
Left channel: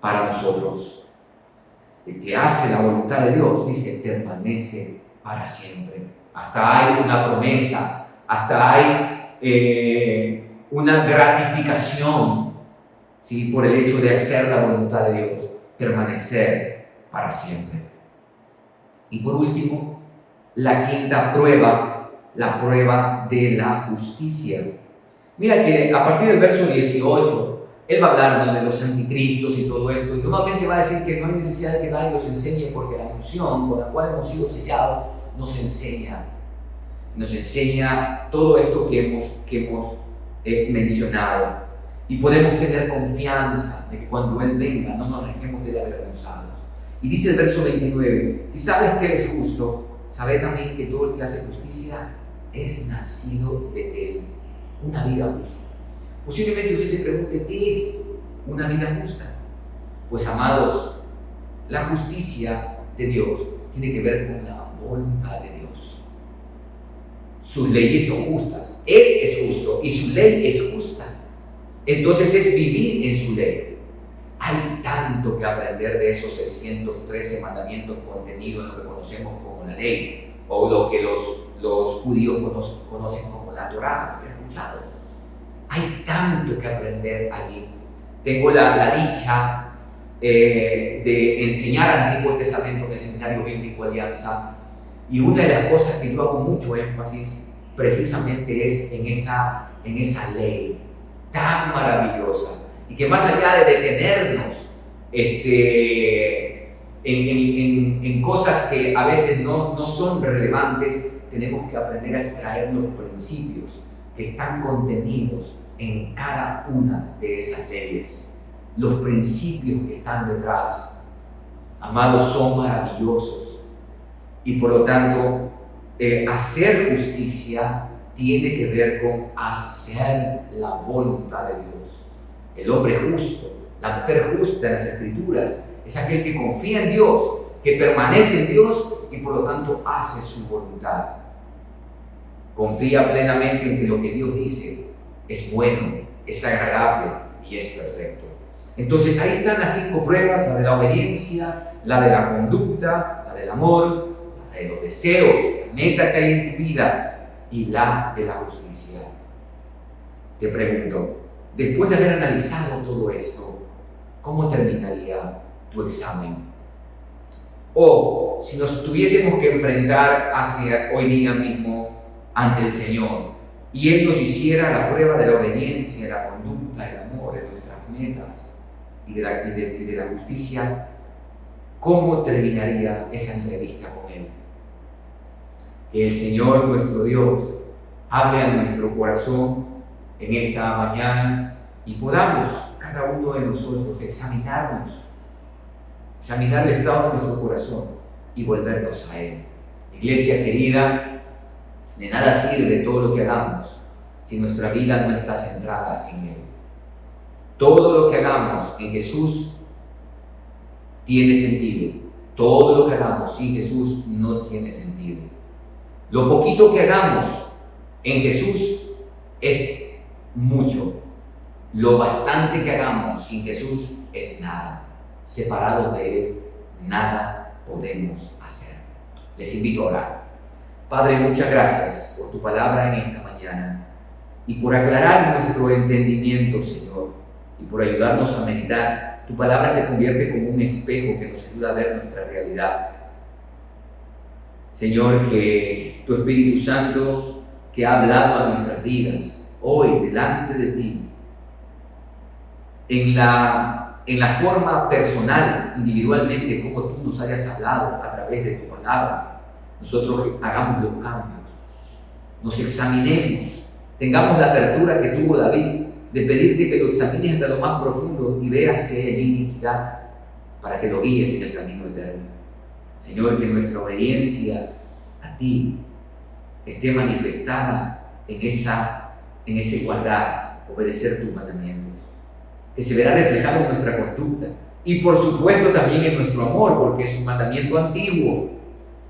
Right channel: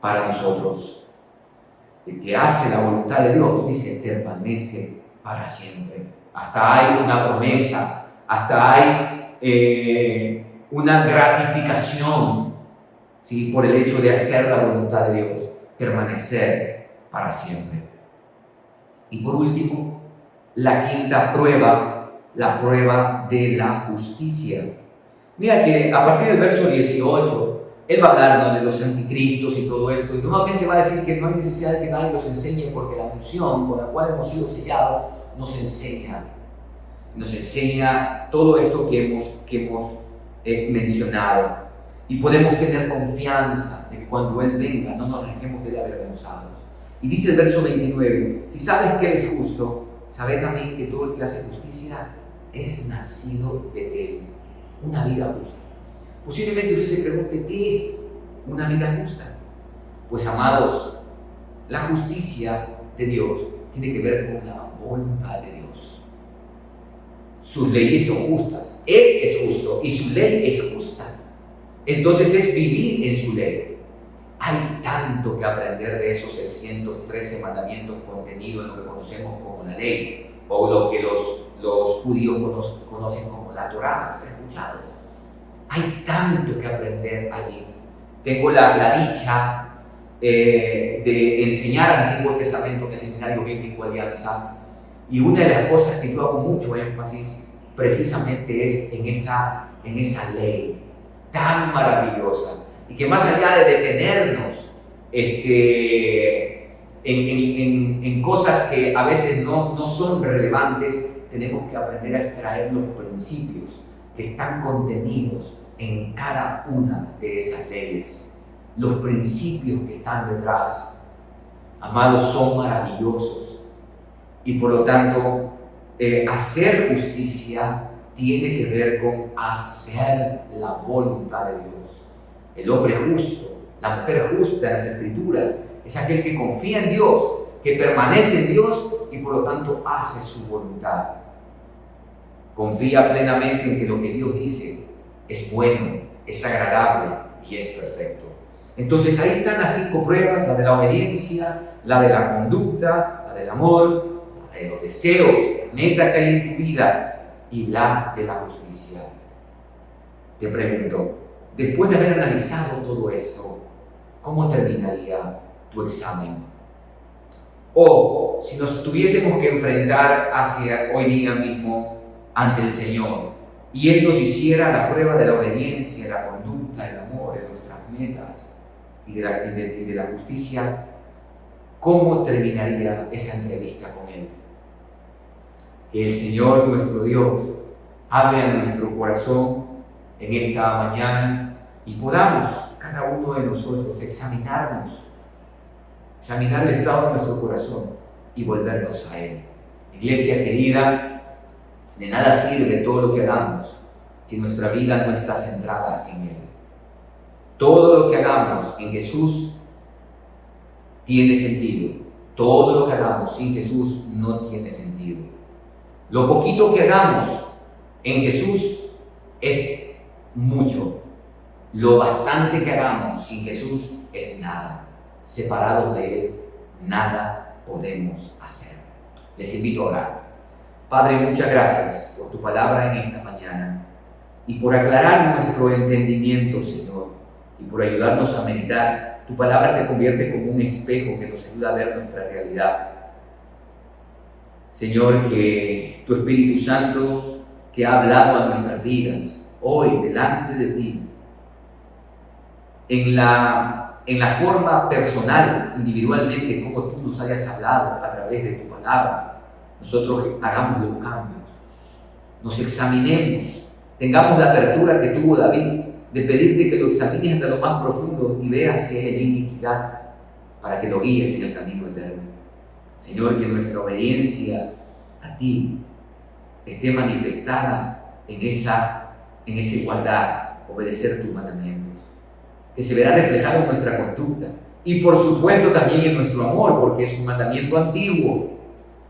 para nosotros. El que hace la voluntad de Dios, dice, permanece para siempre. Hasta hay una promesa, hasta hay una gratificación, ¿sí?, por el hecho de hacer la voluntad de Dios, permanecer para siempre. Y por último, la quinta prueba, la prueba de la justicia. Mira que a partir del verso 18, él va a hablar de los anticristos y todo esto, y nuevamente va a decir que no hay necesidad de que nadie los enseñe, porque la unción con la cual hemos sido sellados nos enseña todo esto que hemos mencionado. Y podemos tener confianza de que cuando Él venga no nos dejemos de avergonzados. Y dice el verso 29, si sabes que Él es justo, sabe también que todo el que hace justicia es nacido de Él. Una vida justa. Posiblemente usted se pregunte, ¿qué es una vida justa? Pues, amados, la justicia de Dios tiene que ver con la voluntad de Dios. Sus leyes son justas. Él es justo y su ley es justa. Entonces es vivir en su ley. Hay tanto que aprender de esos 613 mandamientos contenidos en lo que conocemos como la ley, o lo que los judíos conocen como la Torá. ¿Usted ha escuchado? Hay tanto que aprender allí. Tengo la dicha de enseñar Antiguo Testamento en el Seminario Bíblico Alianza, y una de las cosas que yo hago mucho énfasis precisamente es en esa ley tan maravillosa, y que más allá de detenernos en cosas que a veces no son relevantes, tenemos que aprender a extraer los principios que están contenidos en cada una de esas leyes. Los principios que están detrás, amados, son maravillosos, y por lo tanto hacer justicia tiene que ver con hacer la voluntad de Dios. El hombre justo, la mujer justa en las Escrituras, es aquel que confía en Dios, que permanece en Dios y por lo tanto hace su voluntad. Confía plenamente en que lo que Dios dice es bueno, es agradable y es perfecto. Entonces ahí están las 5 pruebas: la de la obediencia, la de la conducta, la del amor, la de los deseos, la meta que hay en tu vida, y la de la justicia. Te pregunto, después de haber analizado todo esto, ¿cómo terminaría tu examen? O si nos tuviésemos que enfrentar hacia hoy día mismo ante el Señor, y Él nos hiciera la prueba de la obediencia, la conducta, el amor, de nuestras metas y de la justicia, ¿cómo terminaría esa entrevista con Él? Que el Señor nuestro Dios hable a nuestro corazón en esta mañana, y podamos cada uno de nosotros examinar el estado de nuestro corazón y volvernos a Él. Iglesia querida, de nada sirve todo lo que hagamos si nuestra vida no está centrada en Él. Todo lo que hagamos en Jesús tiene sentido. Todo lo que hagamos sin Jesús no tiene sentido. Lo poquito que hagamos en Jesús es mucho. Lo bastante que hagamos sin Jesús es nada. Separados de Él, nada podemos hacer. Les invito a orar. Padre, muchas gracias por tu palabra en esta mañana y por aclarar nuestro entendimiento, Señor, y por ayudarnos a meditar. Tu palabra se convierte como un espejo que nos ayuda a ver nuestra realidad. Señor, que tu Espíritu Santo, que ha hablado a nuestras vidas hoy delante de ti, en la forma personal, individualmente, como tú nos hayas hablado a través de tu palabra, nosotros hagamos los cambios, nos examinemos, tengamos la apertura que tuvo David de pedirte que lo examines hasta lo más profundo y veas si hay allí iniquidad, para que lo guíes en el camino eterno. Señor, que nuestra obediencia a ti esté manifestada en esa igualdad, obedecer tus mandamientos, que se verá reflejado en nuestra conducta y por supuesto también en nuestro amor, porque es un mandamiento antiguo,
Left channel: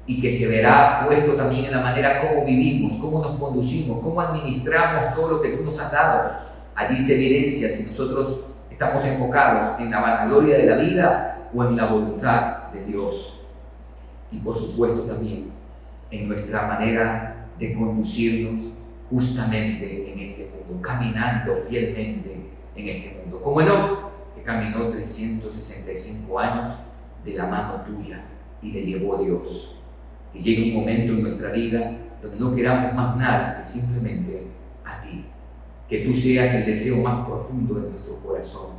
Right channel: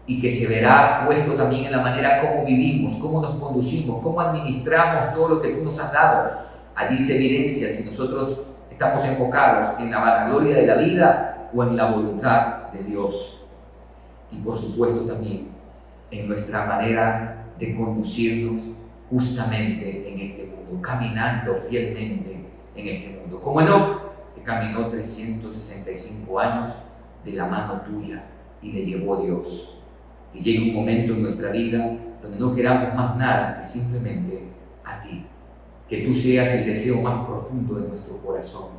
y que se verá puesto también en la manera como vivimos, cómo nos conducimos, cómo administramos todo lo que tú nos has dado. Allí se evidencia si nosotros estamos enfocados en la vanagloria de la vida o en la voluntad de Dios. Y por supuesto también en nuestra manera de conducirnos justamente en este mundo, caminando fielmente en este mundo. Como Enoc, que caminó 365 años de la mano tuya y le llevó Dios. Que llegue un momento en nuestra vida donde no queramos más nada que simplemente a ti. Que tú seas el deseo más profundo de nuestro corazón.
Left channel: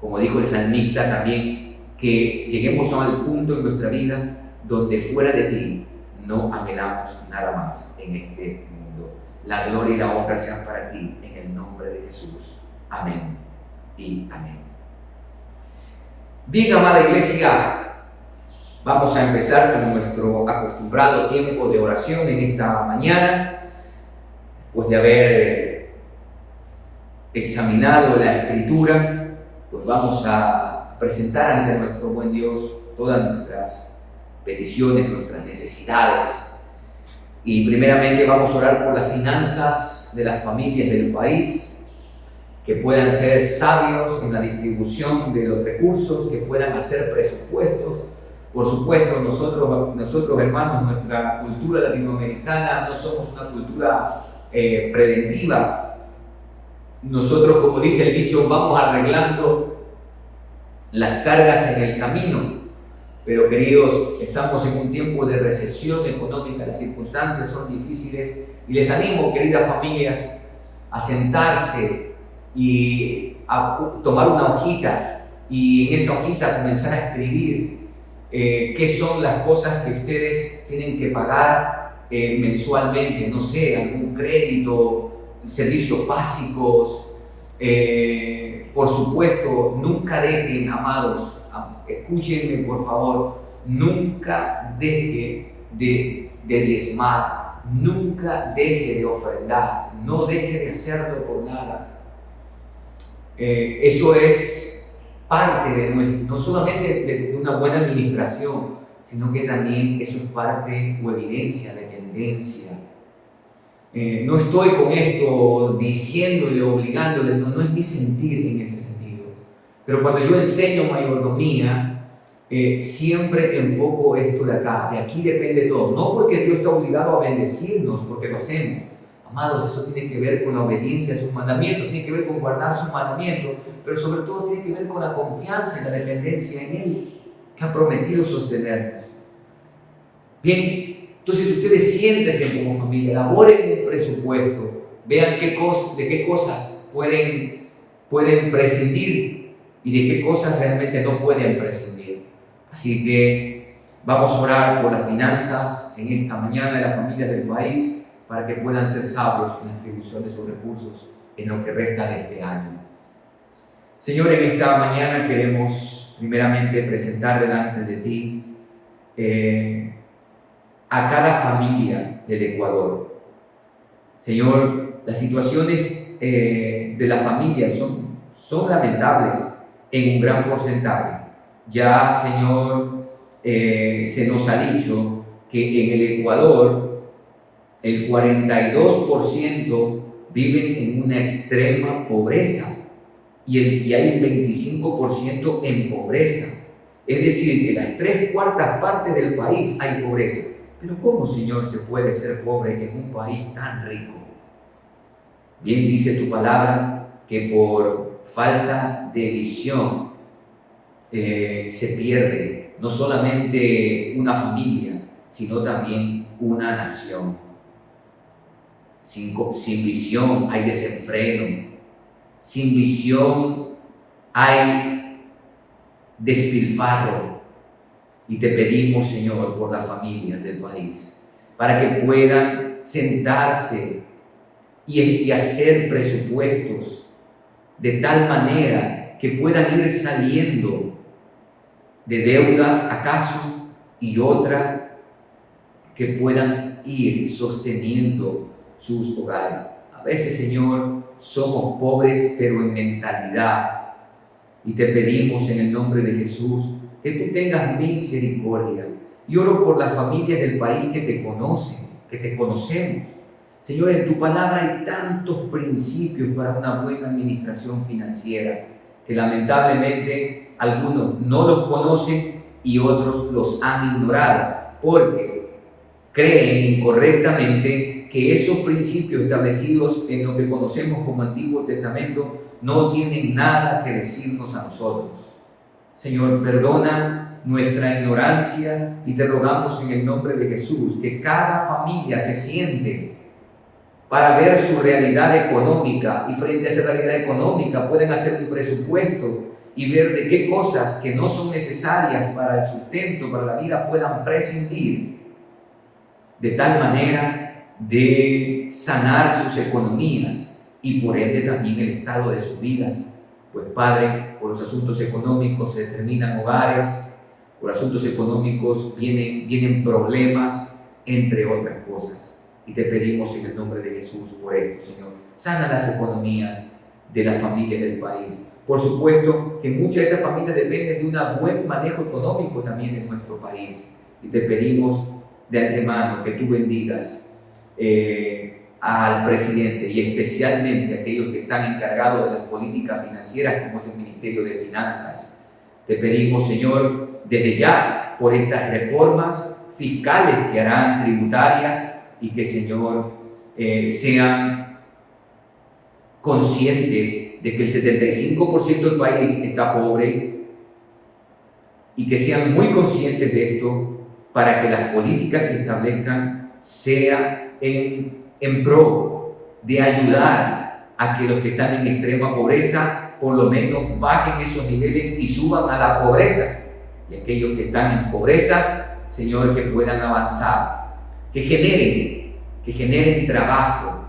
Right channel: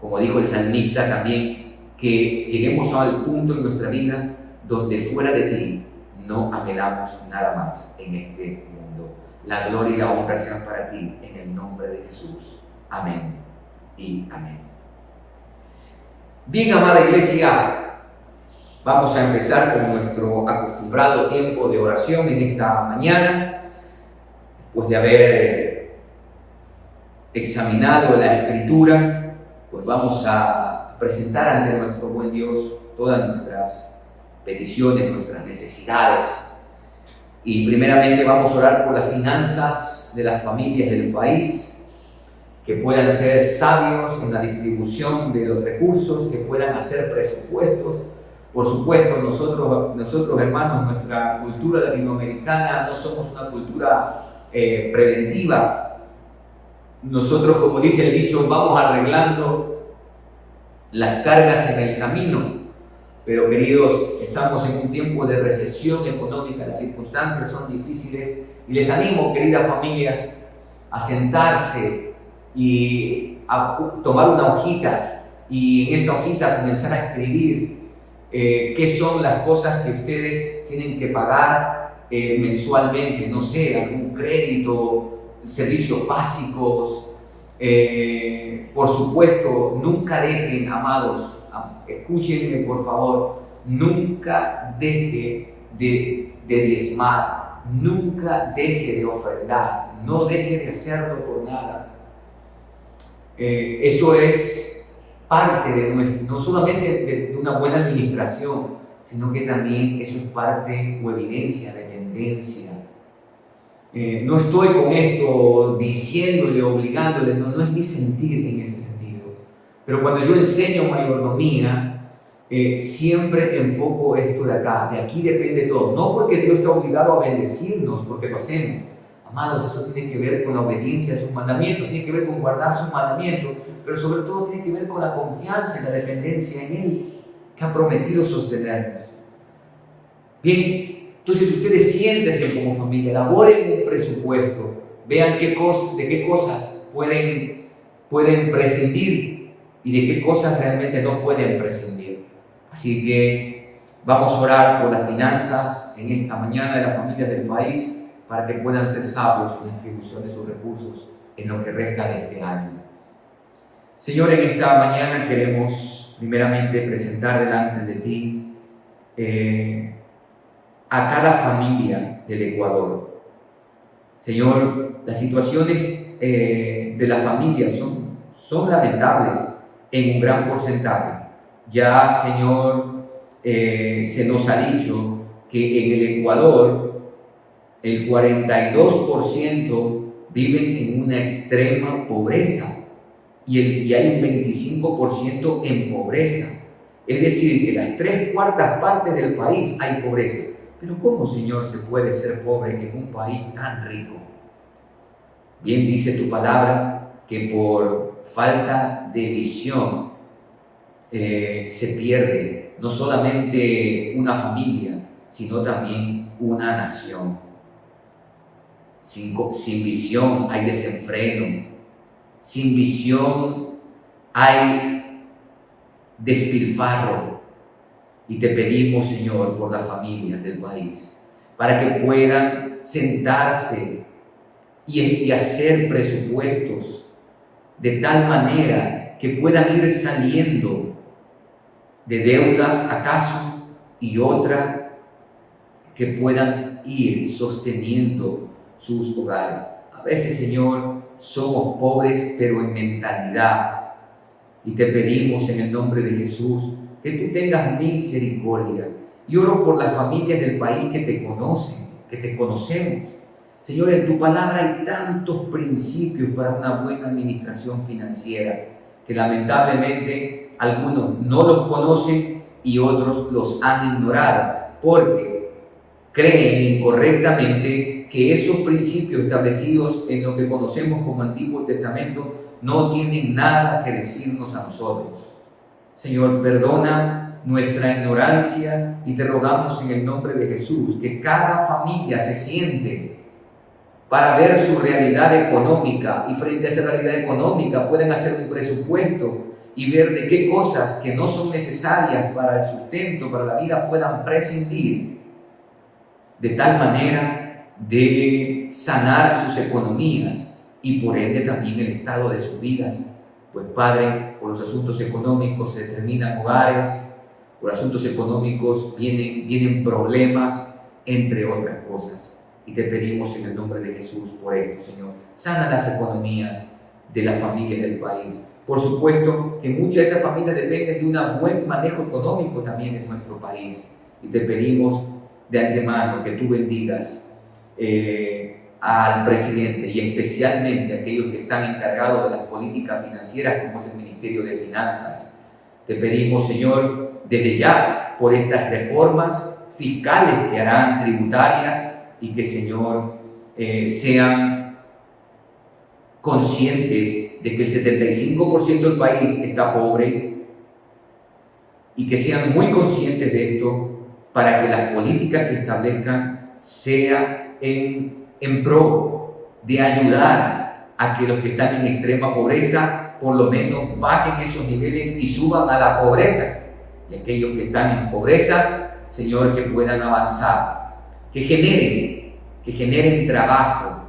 Como dijo el salmista también, que lleguemos al punto en nuestra vida donde fuera de ti no anhelamos nada más en este mundo. La gloria y la honra sean para ti en el nombre de Jesús. Amén y amén. Bien, amada iglesia, vamos a empezar con nuestro acostumbrado tiempo de oración en esta mañana, después de haber examinado la Escritura, pues vamos a presentar ante nuestro buen Dios todas nuestras peticiones, nuestras necesidades. Y primeramente vamos a orar por las finanzas de las familias del país, que puedan ser sabios en la distribución de los recursos, que puedan hacer presupuestos. Por supuesto, nosotros hermanos, nuestra cultura latinoamericana no somos una cultura preventiva. Nosotros, como dice el dicho, vamos arreglando las cargas en el camino. Pero queridos, estamos en un tiempo de recesión económica, las circunstancias son difíciles y les animo, queridas familias, a sentarse y a tomar una hojita y en esa hojita comenzar a escribir qué son las cosas que ustedes tienen que pagar mensualmente, no sé, algún crédito, servicios básicos. Por supuesto, nunca dejen, amados, escúchenme por favor, nunca deje de diezmar, nunca deje de ofrendar, no deje de hacerlo por nada. Eso es parte de no solamente de una buena administración, sino que también eso es parte o evidencia de dependencia. No estoy con esto diciéndole, obligándole, no es mi sentir en ese sentido. Pero cuando yo enseño mayordomía, siempre enfoco esto de acá, de aquí depende todo. No porque Dios está obligado a bendecirnos, porque lo hacemos. Amados, eso tiene que ver con la obediencia a sus mandamientos, tiene que ver con guardar sus mandamientos, pero sobre todo tiene que ver con la confianza y la dependencia en Él, que ha prometido sostenernos. Bien, entonces ustedes siéntense como familia, elaboren un presupuesto, vean de qué cosas pueden prescindir y de qué cosas realmente no pueden prescindir. Así que vamos a orar por las finanzas en esta mañana de las familias del país, para que puedan ser sabios en la distribución de sus recursos en lo que resta de este año. Señor, en esta mañana queremos primeramente presentar delante de ti a cada familia del Ecuador. Señor, las situaciones de las familias son lamentables en un gran porcentaje. Ya, Señor, se nos ha dicho que en el Ecuador el 42% viven en una extrema pobreza y hay un 25% en pobreza. Es decir, que las 3/4 partes del país hay pobreza. Pero ¿cómo, Señor, se puede ser pobre en un país tan rico? Bien dice tu palabra que por falta de visión se pierde no solamente una familia, sino también una nación. Sin visión hay desenfreno, sin visión hay despilfarro. Y te pedimos, Señor, por las familias del país, para que puedan sentarse y hacer presupuestos de tal manera que puedan ir saliendo de deudas acaso y otra que puedan ir sosteniendo sus hogares. A veces, Señor, somos pobres, pero en mentalidad. Y te pedimos en el nombre de Jesús que tú tengas misericordia. Y oro por las familias del país que te conocen, que te conocemos. Señor, en tu palabra hay tantos principios para una buena administración financiera que lamentablemente algunos no los conocen y otros los han ignorado porque creen incorrectamente que esos principios establecidos en lo que conocemos como Antiguo Testamento no tienen nada que decirnos a nosotros. Señor, perdona nuestra ignorancia y te rogamos en el nombre de Jesús que cada familia se siente para ver su realidad económica y frente a esa realidad económica pueden hacer un presupuesto y ver de qué cosas que no son necesarias para el sustento, para la vida, puedan prescindir de tal manera de sanar sus economías y por ende también el estado de sus vidas. Pues Padre, por los asuntos económicos se determinan hogares, por asuntos económicos vienen problemas, entre otras cosas. Y te pedimos en el nombre de Jesús por esto, Señor. Sana las economías de las familias del país. Por supuesto que muchas de estas familias dependen de un buen manejo económico también en nuestro país. Y te pedimos de antemano que tú bendigas al presidente y especialmente a aquellos que están encargados de las políticas financieras, como es el Ministerio de Finanzas. Te pedimos, Señor, desde ya por estas reformas fiscales que harán, tributarias, y que, Señor, sean conscientes de que el 75% del país está pobre y que sean muy conscientes de esto para que las políticas que establezcan sean en pro de ayudar a que los que están en extrema pobreza por lo menos bajen esos niveles y suban a la pobreza. Y aquellos que están en pobreza, Señor, que puedan avanzar. Que generen trabajo,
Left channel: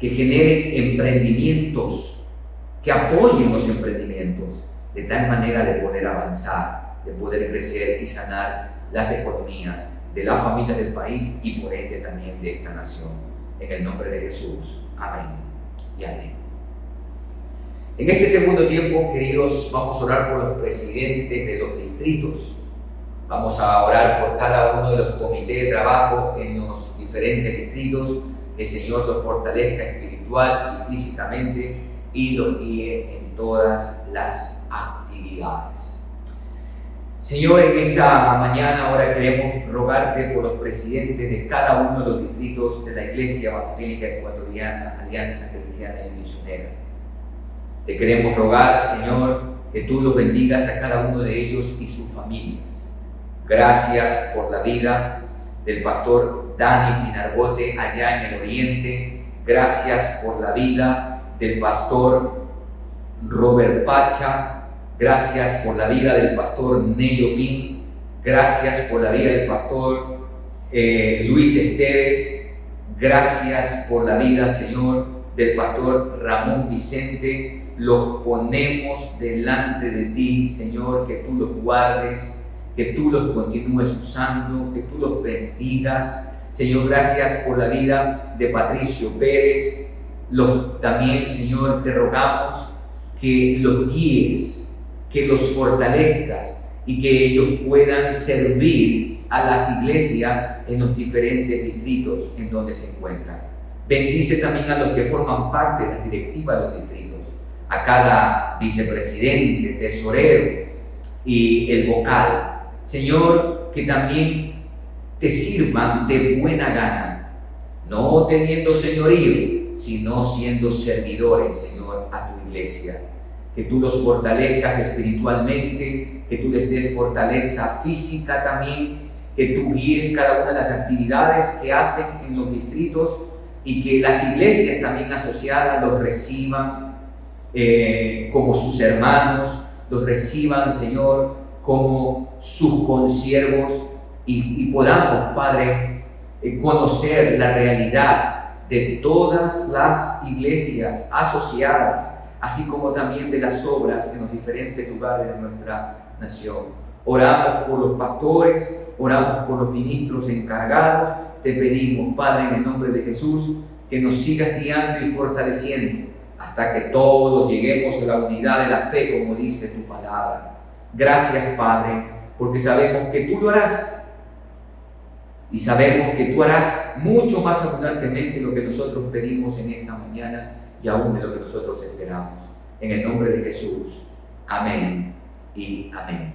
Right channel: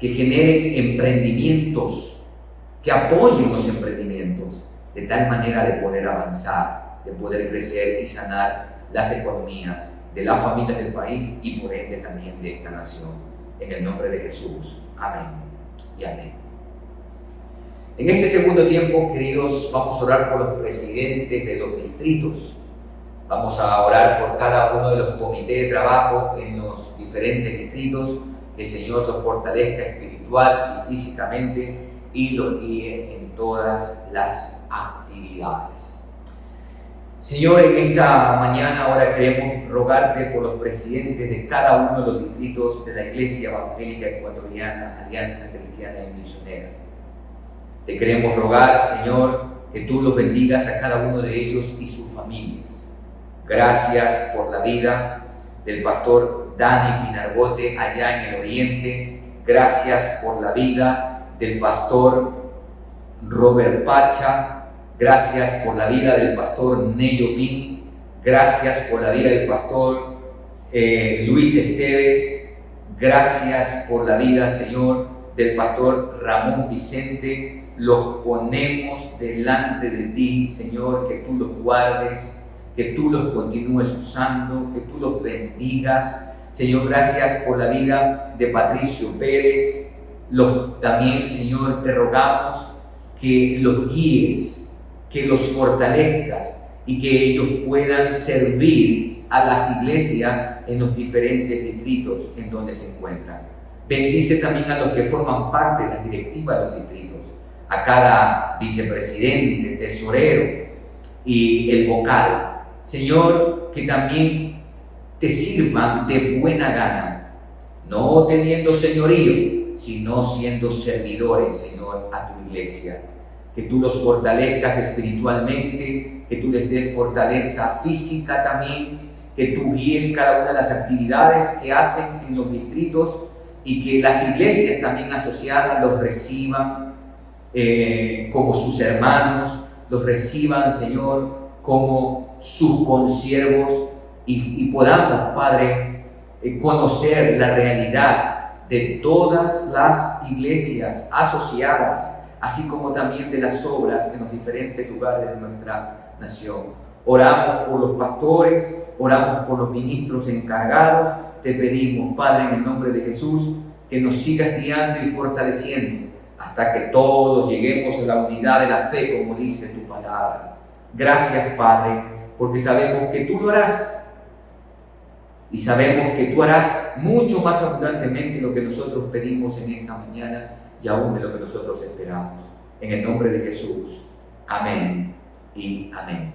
que generen emprendimientos, que apoyen los emprendimientos, de tal manera de poder avanzar, de poder crecer y sanar las economías de las familias del país y por ende también de esta nación. En el nombre de Jesús. Amén y amén. En este segundo tiempo, queridos, vamos a orar por los presidentes de los distritos. Vamos a orar por cada uno de los comités de trabajo en los diferentes distritos, que el Señor los fortalezca espiritual y físicamente y los guíe en todas las actividades. Señor, en esta mañana ahora queremos rogarte por los presidentes de cada uno de los distritos de la Iglesia Evangélica Ecuatoriana, Alianza Cristiana y Misionera. Te queremos rogar, Señor, que tú los bendigas a cada uno de ellos y sus familias. Gracias por la vida del pastor Dani Pinargote allá en el oriente. Gracias por la vida del pastor Robert Pacha. Gracias por la vida del pastor Nello Pin. Gracias por la vida del pastor Luis Esteves. Gracias por la vida, Señor, del pastor Ramón Vicente. Los ponemos delante de ti, Señor, que tú los guardes, que tú los continúes usando, que tú los bendigas. Señor, gracias por la vida de Patricio Pérez. También, Señor, te rogamos que los guíes, que los fortalezcas y que ellos puedan servir a las iglesias en los diferentes distritos en donde se encuentran. Bendice también a los que forman parte de las directivas de los distritos, a cada vicepresidente, tesorero y el vocal. Señor, que también te sirvan de buena gana, no teniendo señorío, sino siendo servidores, Señor, a tu iglesia. Que tú los fortalezcas espiritualmente, que tú les des fortaleza física también, que tú guíes cada una de las actividades que hacen en los distritos y que las iglesias también asociadas los reciban como sus hermanos, los reciban, Señor, como sus consiervos y podamos, Padre, conocer la realidad de todas las iglesias asociadas, así como también de las obras en los diferentes lugares de nuestra nación. Oramos por los pastores, oramos por los ministros encargados. Te pedimos, Padre, en el nombre de Jesús, que nos sigas guiando y fortaleciendo hasta que todos lleguemos a la unidad de la fe, como dice tu palabra. Gracias, Padre, porque sabemos que tú lo harás y sabemos que tú harás mucho más abundantemente lo que nosotros pedimos en esta mañana y aún de lo que nosotros esperamos. En el nombre de Jesús. Amén y amén.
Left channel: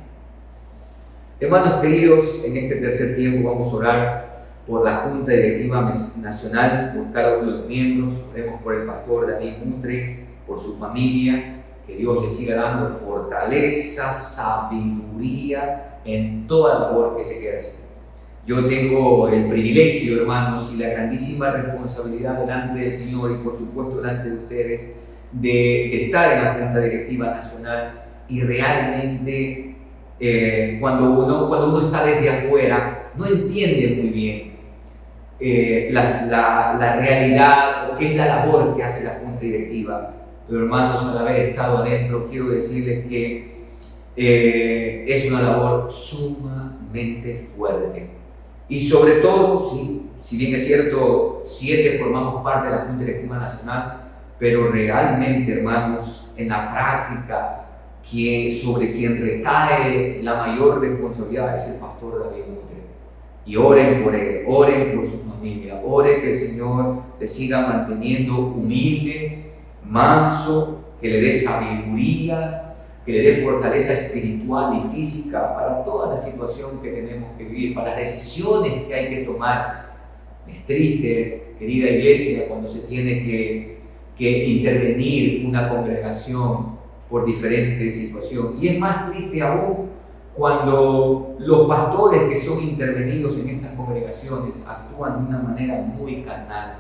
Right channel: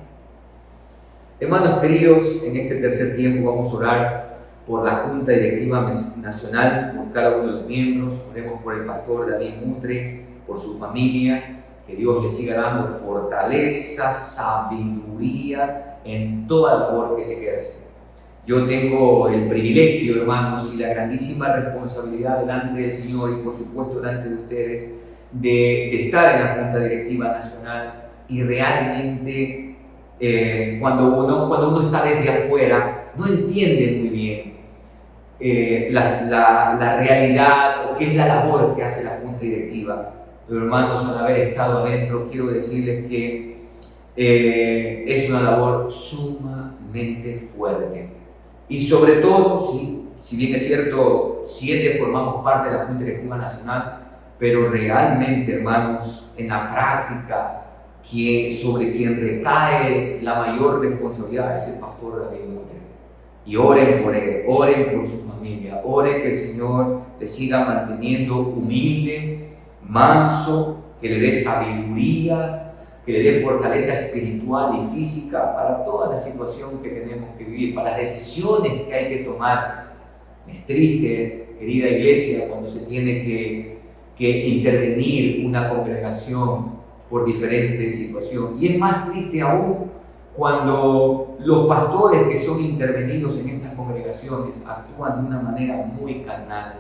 Hermanos queridos, en este tercer tiempo vamos a orar por la Junta Directiva Nacional, por cada uno de los miembros. Oremos por el pastor David Mutre, por su familia, que Dios le siga dando fortaleza, sabiduría en toda labor que se ejerce. Yo tengo el privilegio, hermanos, y la grandísima responsabilidad delante del Señor y por supuesto delante de ustedes de estar en la Junta Directiva Nacional, y realmente cuando uno está desde afuera no entiende muy bien la realidad o qué es la labor que hace la Junta Directiva. Pero hermanos, al haber estado adentro, quiero decirles que es una labor sumamente fuerte. Y sobre todo, si bien es cierto, 7 formamos parte de la Junta Directiva Nacional, pero realmente, hermanos, en la práctica, sobre quien recae la mayor responsabilidad es el pastor David Mutre. Y oren por él, oren por su familia, oren que el Señor le siga manteniendo humilde, manso, que le dé sabiduría, que le dé fortaleza espiritual y física para toda la situación que tenemos que vivir, para las decisiones que hay que tomar. Es triste, querida iglesia, cuando se tiene que intervenir una congregación por diferentes situaciones. Y es más triste aún cuando los pastores que son intervenidos en estas congregaciones actúan de una manera muy carnal.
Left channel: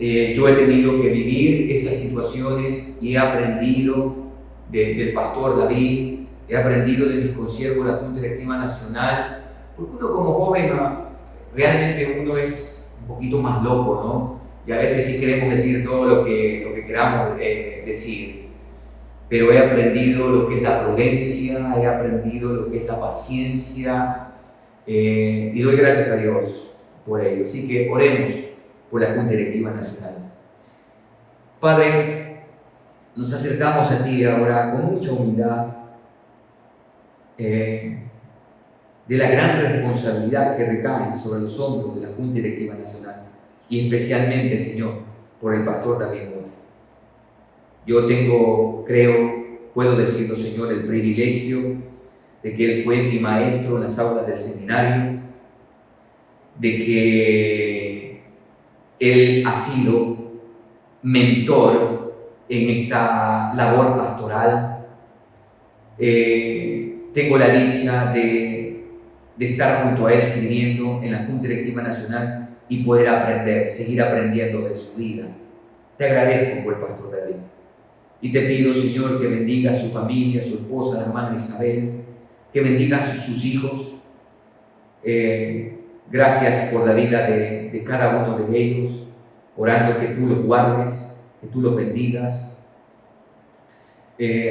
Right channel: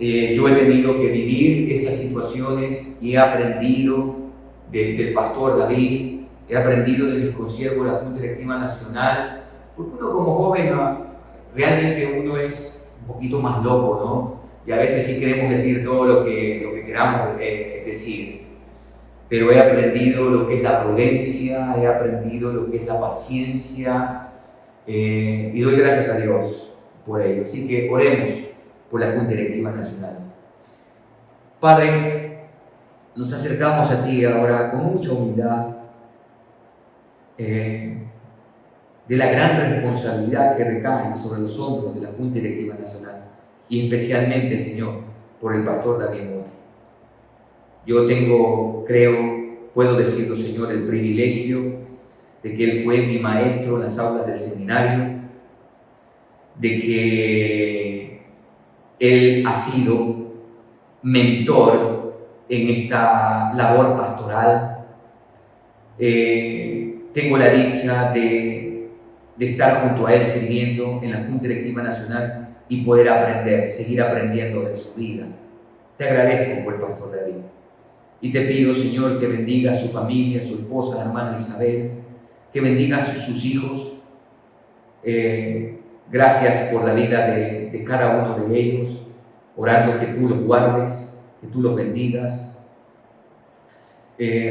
Yo he tenido que vivir esas situaciones y he aprendido del pastor David, he aprendido de mis consiervos de la Junta Directiva Nacional, porque uno como joven realmente uno es un poquito más loco, ¿no? Y a veces sí queremos decir todo lo que queramos decir. Pero he aprendido lo que es la prudencia, he aprendido lo que es la paciencia, y doy gracias a Dios por ello. Así que oremos por la Junta Directiva Nacional. Padre, nos acercamos a ti ahora con mucha humildad, de la gran responsabilidad que recae sobre los hombros de la Junta Directiva Nacional, y especialmente, Señor, por el pastor David Mutre. Yo puedo decirlo, Señor, el privilegio de que él fue mi maestro en las aulas del seminario, de que él ha sido mentor en esta labor pastoral. Tengo la dicha de estar junto a él sirviendo en la Junta Directiva Nacional y poder seguir aprendiendo de su vida. Te agradezco por el pastor David. Y te pido, Señor, que bendiga a su familia, a su esposa, la hermana Isabel, que bendiga a sus hijos. Gracias por la vida de cada uno de ellos, orando que tú los guardes, que tú los bendigas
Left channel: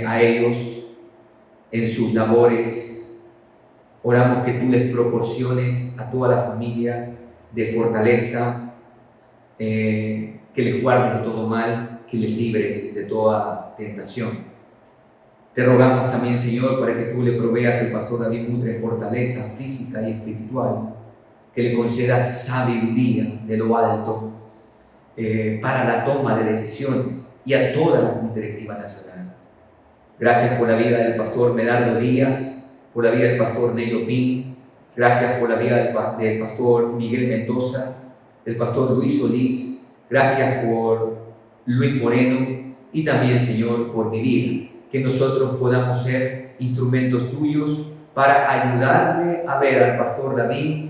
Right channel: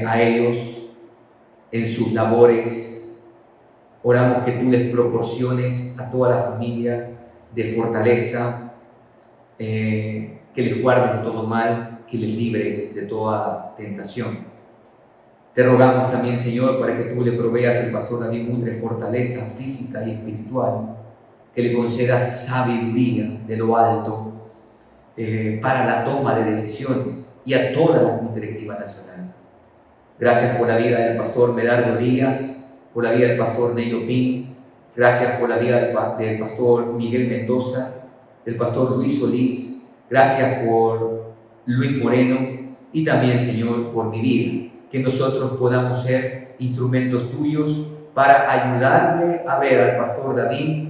a ellos en sus labores. Oramos que tú les proporciones a toda la familia de fortaleza, que les guardes de todo mal, que les libres de toda tentación. Te rogamos también, Señor, para que tú le proveas al pastor David Mutre fortaleza física y espiritual, que le concedas sabiduría de lo alto para la toma de decisiones, y a toda la Junta Directiva Nacional. Gracias por la vida del pastor Medardo Díaz, por la vida del pastor Nello Pin, gracias por la vida del pastor Miguel Mendoza, del pastor Luis Solís, gracias por Luis Moreno, y también, Señor, por mi vida, que nosotros podamos ser instrumentos tuyos para ayudarle a ver al pastor David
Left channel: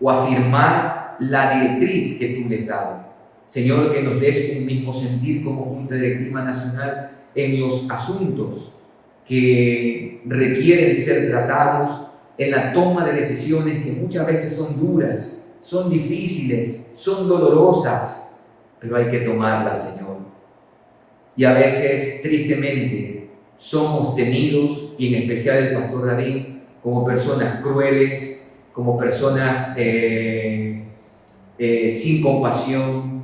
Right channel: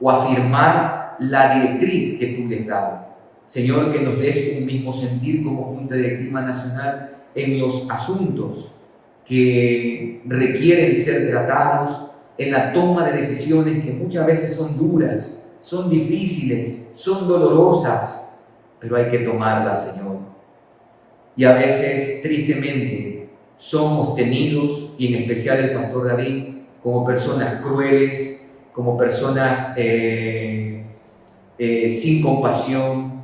o afirmar la directriz que tú le has dado. Señor, que nos des un mismo sentir como Junta Directiva Nacional en los asuntos que requieren ser tratados, en la toma de decisiones que muchas veces son duras, son difíciles, son dolorosas, pero hay que tomarlas, Señor. Y a veces, tristemente, somos tenidos, y en especial el pastor David, como personas crueles, como personas sin compasión,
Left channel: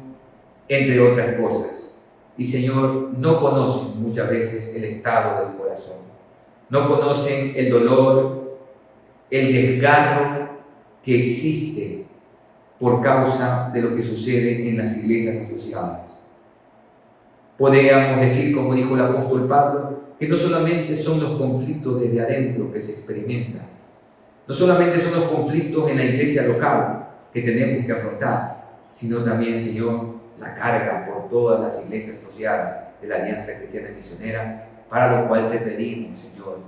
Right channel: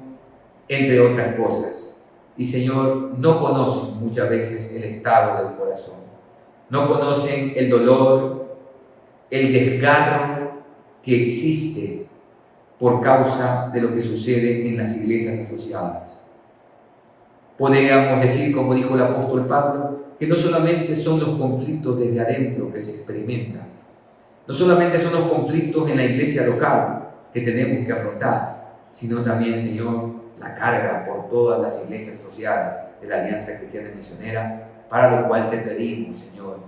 entre otras cosas. Y Señor, no conocen muchas veces el estado del corazón, no conocen el dolor, el desgarro que existe por causa de lo que sucede en las iglesias asociadas. Podríamos decir, como dijo el apóstol Pablo, que no solamente son los conflictos desde adentro que se experimentan, no solamente son los conflictos en la iglesia local que tenemos que afrontar, sino también, Señor, la carga por todas las iglesias asociadas de la Alianza Cristiana y Misionera, para lo cual te pedimos, Señor,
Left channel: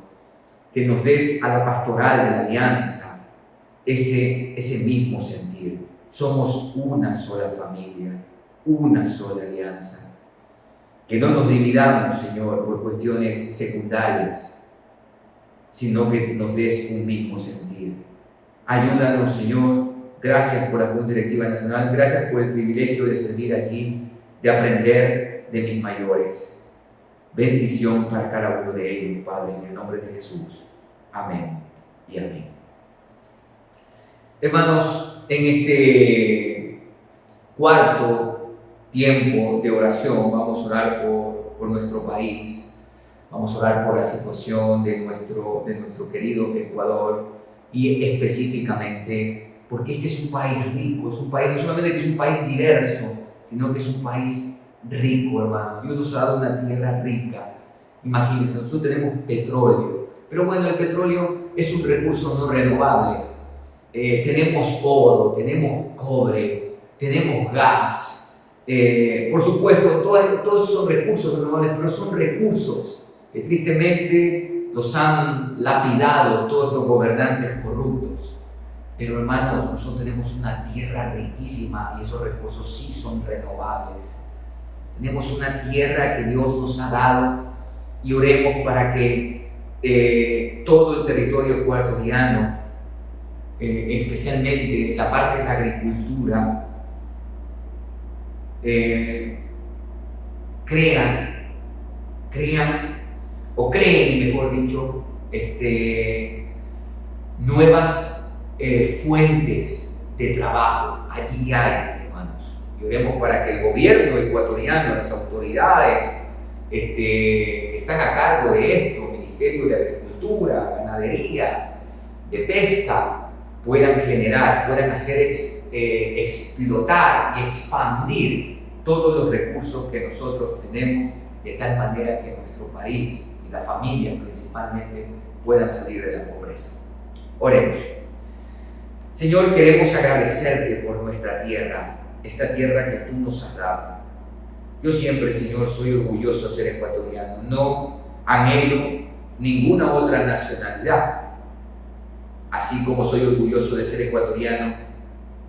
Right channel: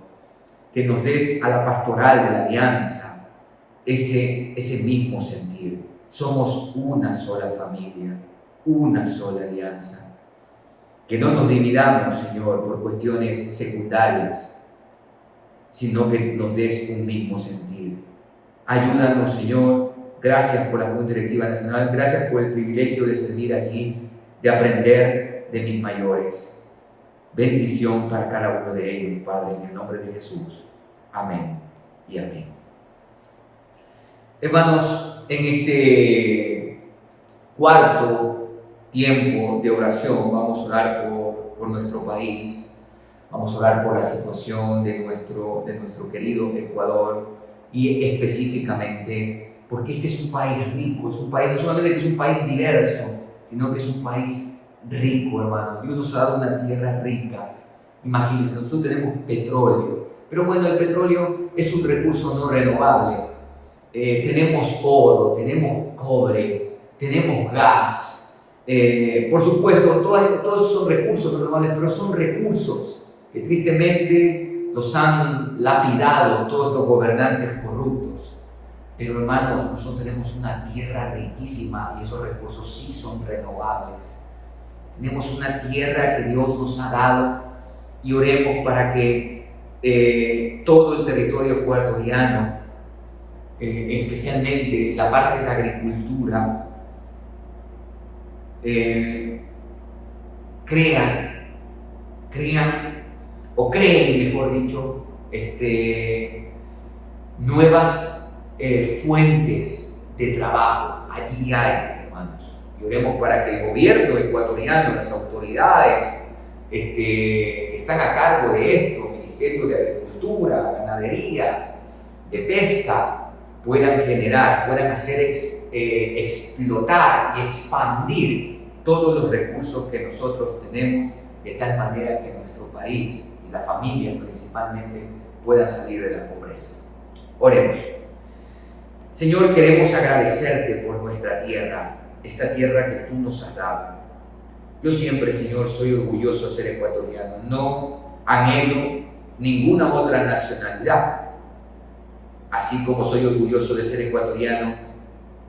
que nos des a la pastoral de la Alianza ese mismo sentir. Somos una sola familia, una sola alianza. Que no nos dividamos, Señor, por cuestiones secundarias, sino que nos des un mismo sentir. Ayúdanos, Señor. Gracias por la Junta Directiva Nacional. Gracias por el privilegio de servir allí, de aprender de mis mayores. Bendición para cada uno de ellos, Padre, en el nombre de Jesús. Amén y amén. Hermanos, en este cuarto tiempo de oración vamos a orar por nuestro país, vamos a orar por la situación de nuestro querido Ecuador, y específicamente porque este es un país rico, es un país no solamente que es un país diverso, sino que es un país rico, hermano. Dios nos ha dado una tierra rica. Imagínense, nosotros tenemos petróleo, pero bueno, el petróleo es un recurso no renovable. Tenemos oro, tenemos cobre, tenemos gas. Por supuesto, todos estos son recursos renovables, pero son recursos que tristemente los han lapidado todos estos gobernantes corruptos. Pero hermanos, nosotros tenemos una tierra riquísima y esos recursos sí son renovables. Tenemos una tierra que Dios nos ha dado, y oremos para que todo el territorio ecuatoriano, especialmente la parte de la agricultura, creen, mejor dicho, nuevas fuentes de trabajo. Allí hay, hermanos. Y oremos para que el gobierno ecuatoriano, las autoridades que están a cargo de esto, Ministerio de Agricultura, Ganadería, de Pesca, puedan generar, puedan hacer explotar y expandir todos los recursos que nosotros tenemos, de tal manera que nuestro país y la familia principalmente puedan salir de la pobreza. Oremos. Señor, queremos agradecerte por nuestra tierra, esta tierra que tú nos has dado. Yo siempre, Señor, soy orgulloso de ser ecuatoriano. No anhelo ninguna otra nacionalidad. Así como soy orgulloso de ser ecuatoriano,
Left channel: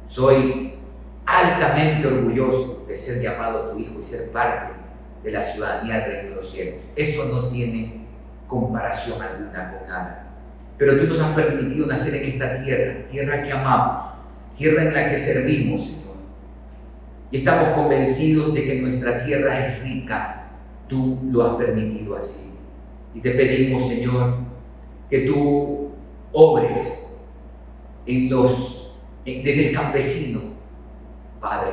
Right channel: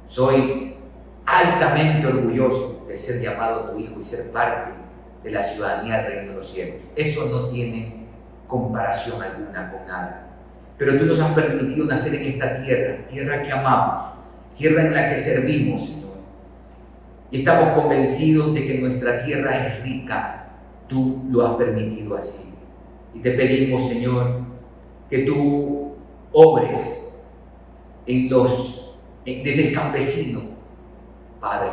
soy altamente orgulloso de ser llamado tu hijo y ser parte de la ciudadanía del reino de los cielos. Eso no tiene comparación alguna con nada. Pero tú nos has permitido nacer en esta tierra, tierra que amamos, tierra en la que servimos, Señor. Y estamos convencidos de que nuestra tierra es rica. Tú lo has permitido así. Y te pedimos, Señor, que tú obres desde el campesino, Padre,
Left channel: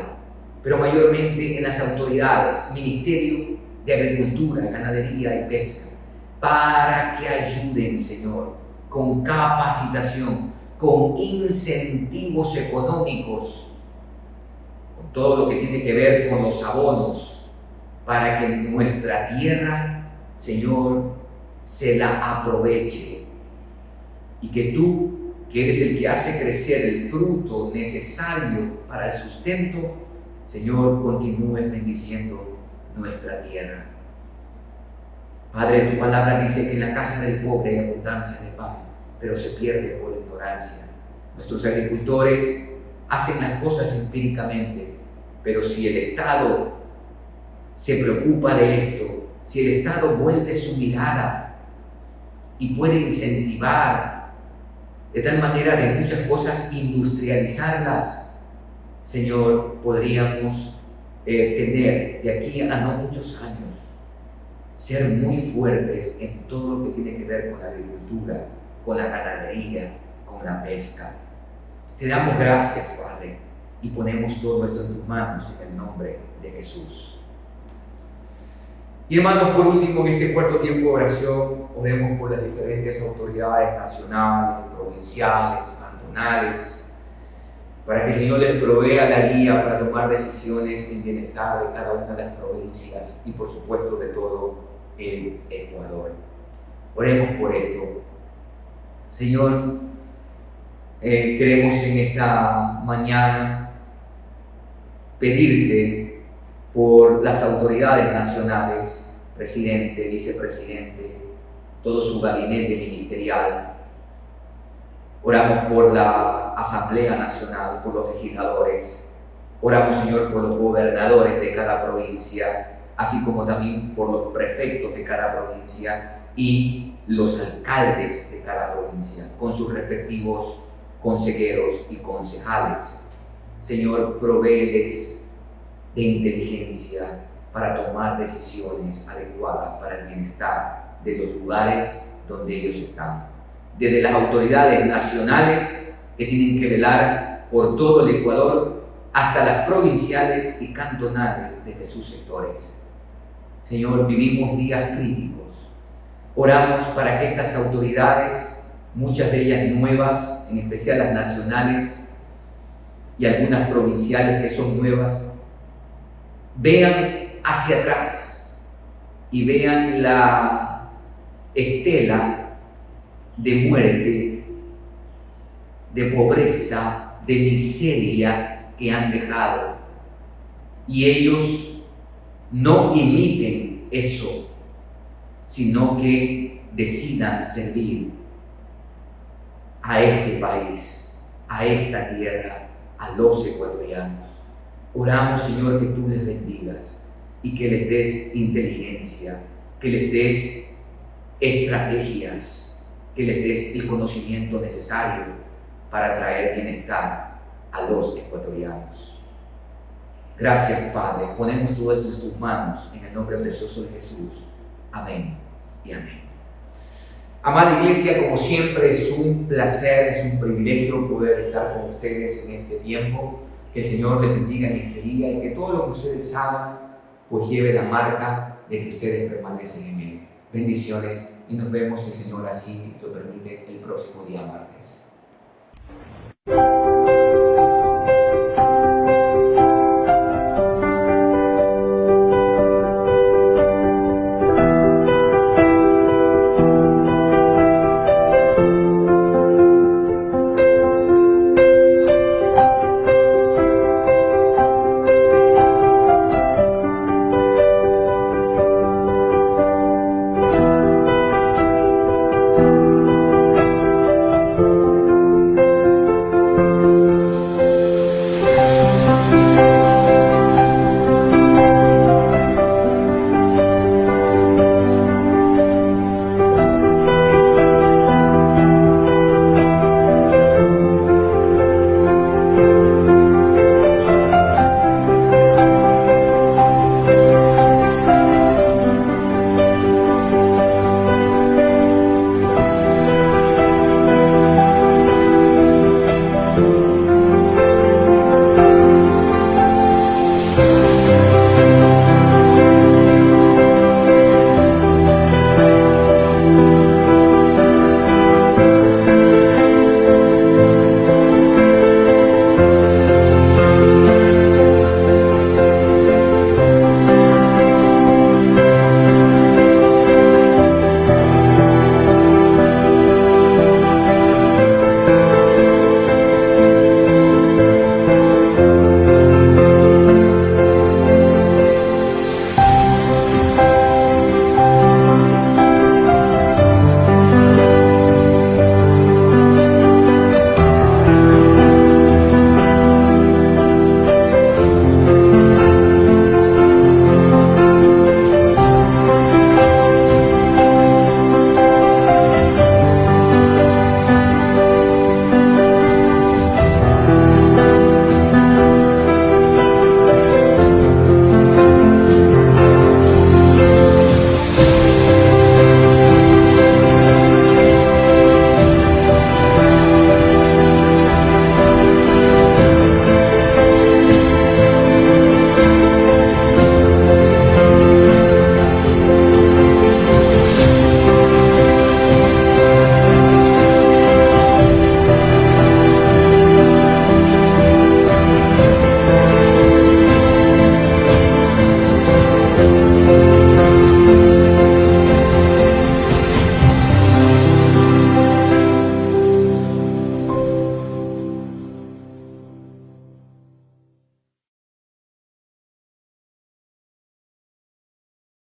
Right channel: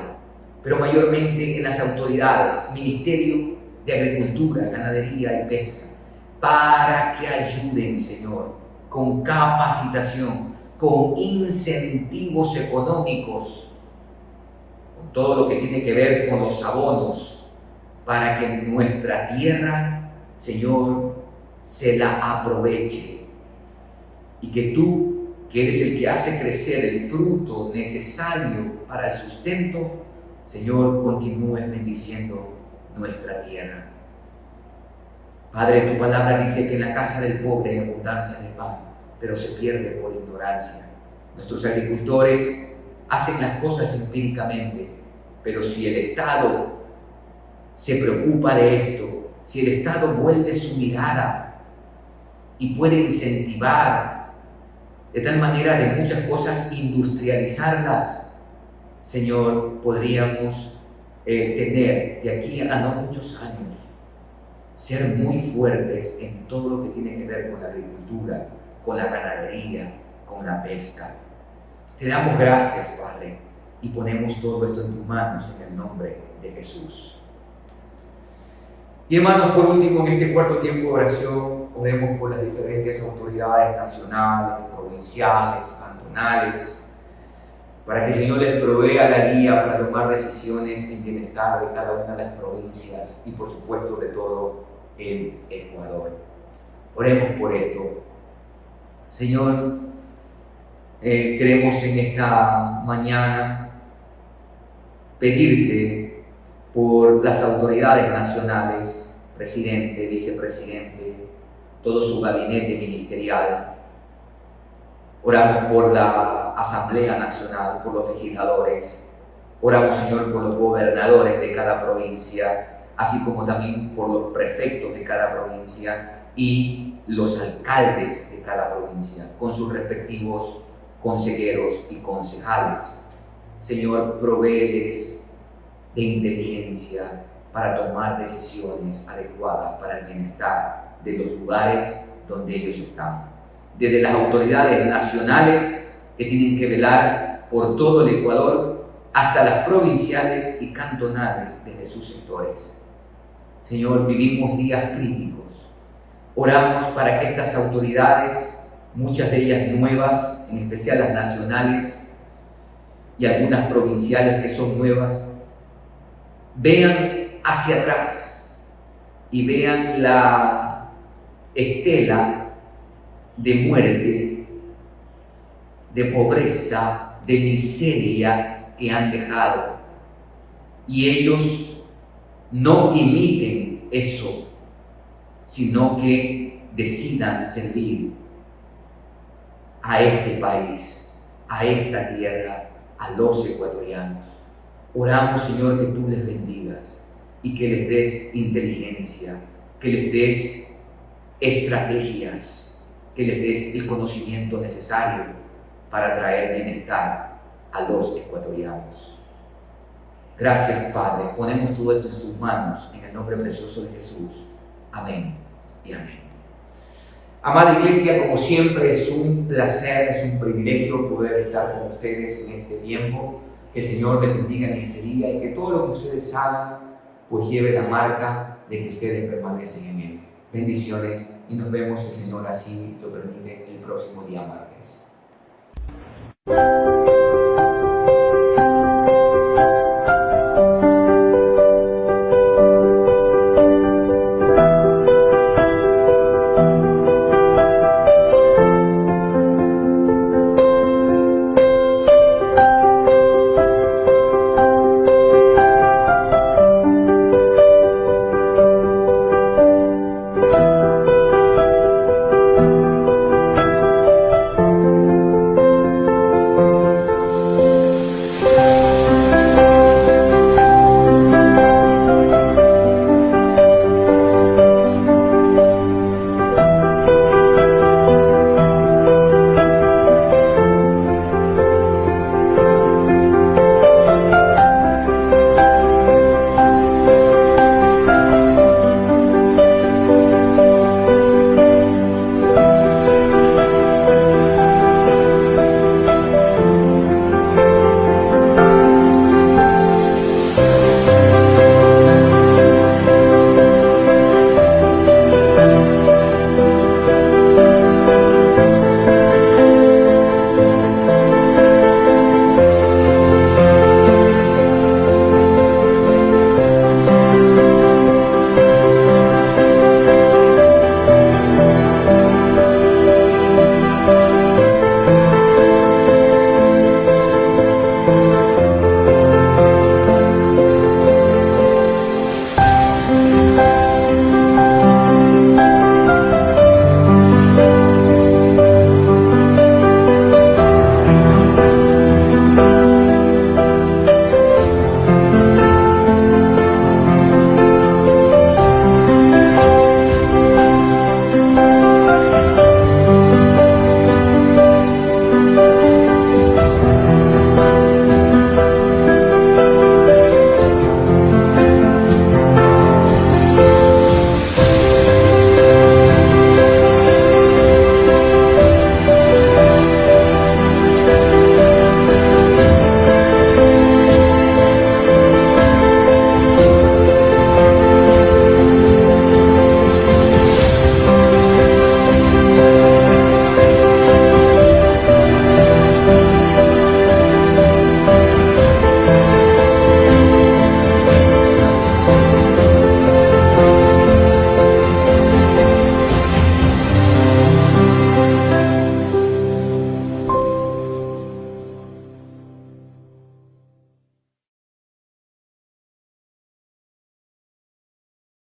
pero mayormente en las autoridades, Ministerio de Agricultura, Ganadería y Pesca, para que ayuden, Señor, con capacitación, con incentivos económicos, con todo lo que tiene que ver con los abonos, para que nuestra tierra, Señor, se la aproveche, y que tú, que eres el que hace crecer el fruto necesario para el sustento, Señor, continúes bendiciendo nuestra tierra. Padre, tu palabra dice que en la casa del pobre hay abundancia de pan, pero se pierde por ignorancia. Nuestros agricultores hacen las cosas empíricamente, pero si el Estado se preocupa de esto, si el Estado vuelve su mirada y puede incentivar de tal manera de muchas cosas industrializarlas, Señor, podríamos tener de aquí a no muchos años ser muy fuertes en todo lo que tiene que ver con la agricultura, con la ganadería, con la pesca. Te damos gracias, Padre, y ponemos todo esto en tus manos en el nombre de Jesús. Y hermanos, por último, en este cuarto tiempo de oración, oremos por las diferentes autoridades nacionales, provinciales, cantonales, para que el Señor les provea la guía para tomar decisiones en bienestar de cada una de las provincias y por supuesto de todo el Ecuador. Oremos por esto. Señor, queremos en esta mañana pedirte por las autoridades nacionales, presidente, vicepresidente, todo su gabinete ministerial. Oramos por la Asamblea Nacional, por los legisladores. Oramos, Señor, por los gobernadores de cada provincia, así como también por los prefectos de cada provincia y los alcaldes de cada provincia, con sus respectivos consejeros y concejales. Señor, provéeles de inteligencia para tomar decisiones adecuadas para el bienestar de los lugares donde ellos están. Desde las autoridades nacionales que tienen que velar por todo el Ecuador hasta las provinciales y cantonales desde sus sectores. Señor, vivimos días críticos. Oramos para que estas autoridades, muchas de ellas nuevas, en especial las nacionales y algunas provinciales que son nuevas, vean hacia atrás y vean la estela de muerte, de pobreza, de miseria que han dejado. Y ellos no imiten eso, sino que decidan servir a este país, a esta tierra, a los ecuatorianos. Oramos, Señor, que tú les bendigas y que les des inteligencia, que les des estrategias, que les des el conocimiento necesario para traer bienestar a los ecuatorianos. Gracias, Padre. Ponemos todo esto en tus manos, en el nombre precioso de Jesús. Amén y amén. Amada Iglesia, como siempre es un placer, es un privilegio poder estar con ustedes en este tiempo. Que el Señor les bendiga en este día y que todo lo que ustedes hagan pues lleve la marca de que ustedes permanecen en Él. Bendiciones y nos vemos, si el Señor así lo permite, el próximo día martes.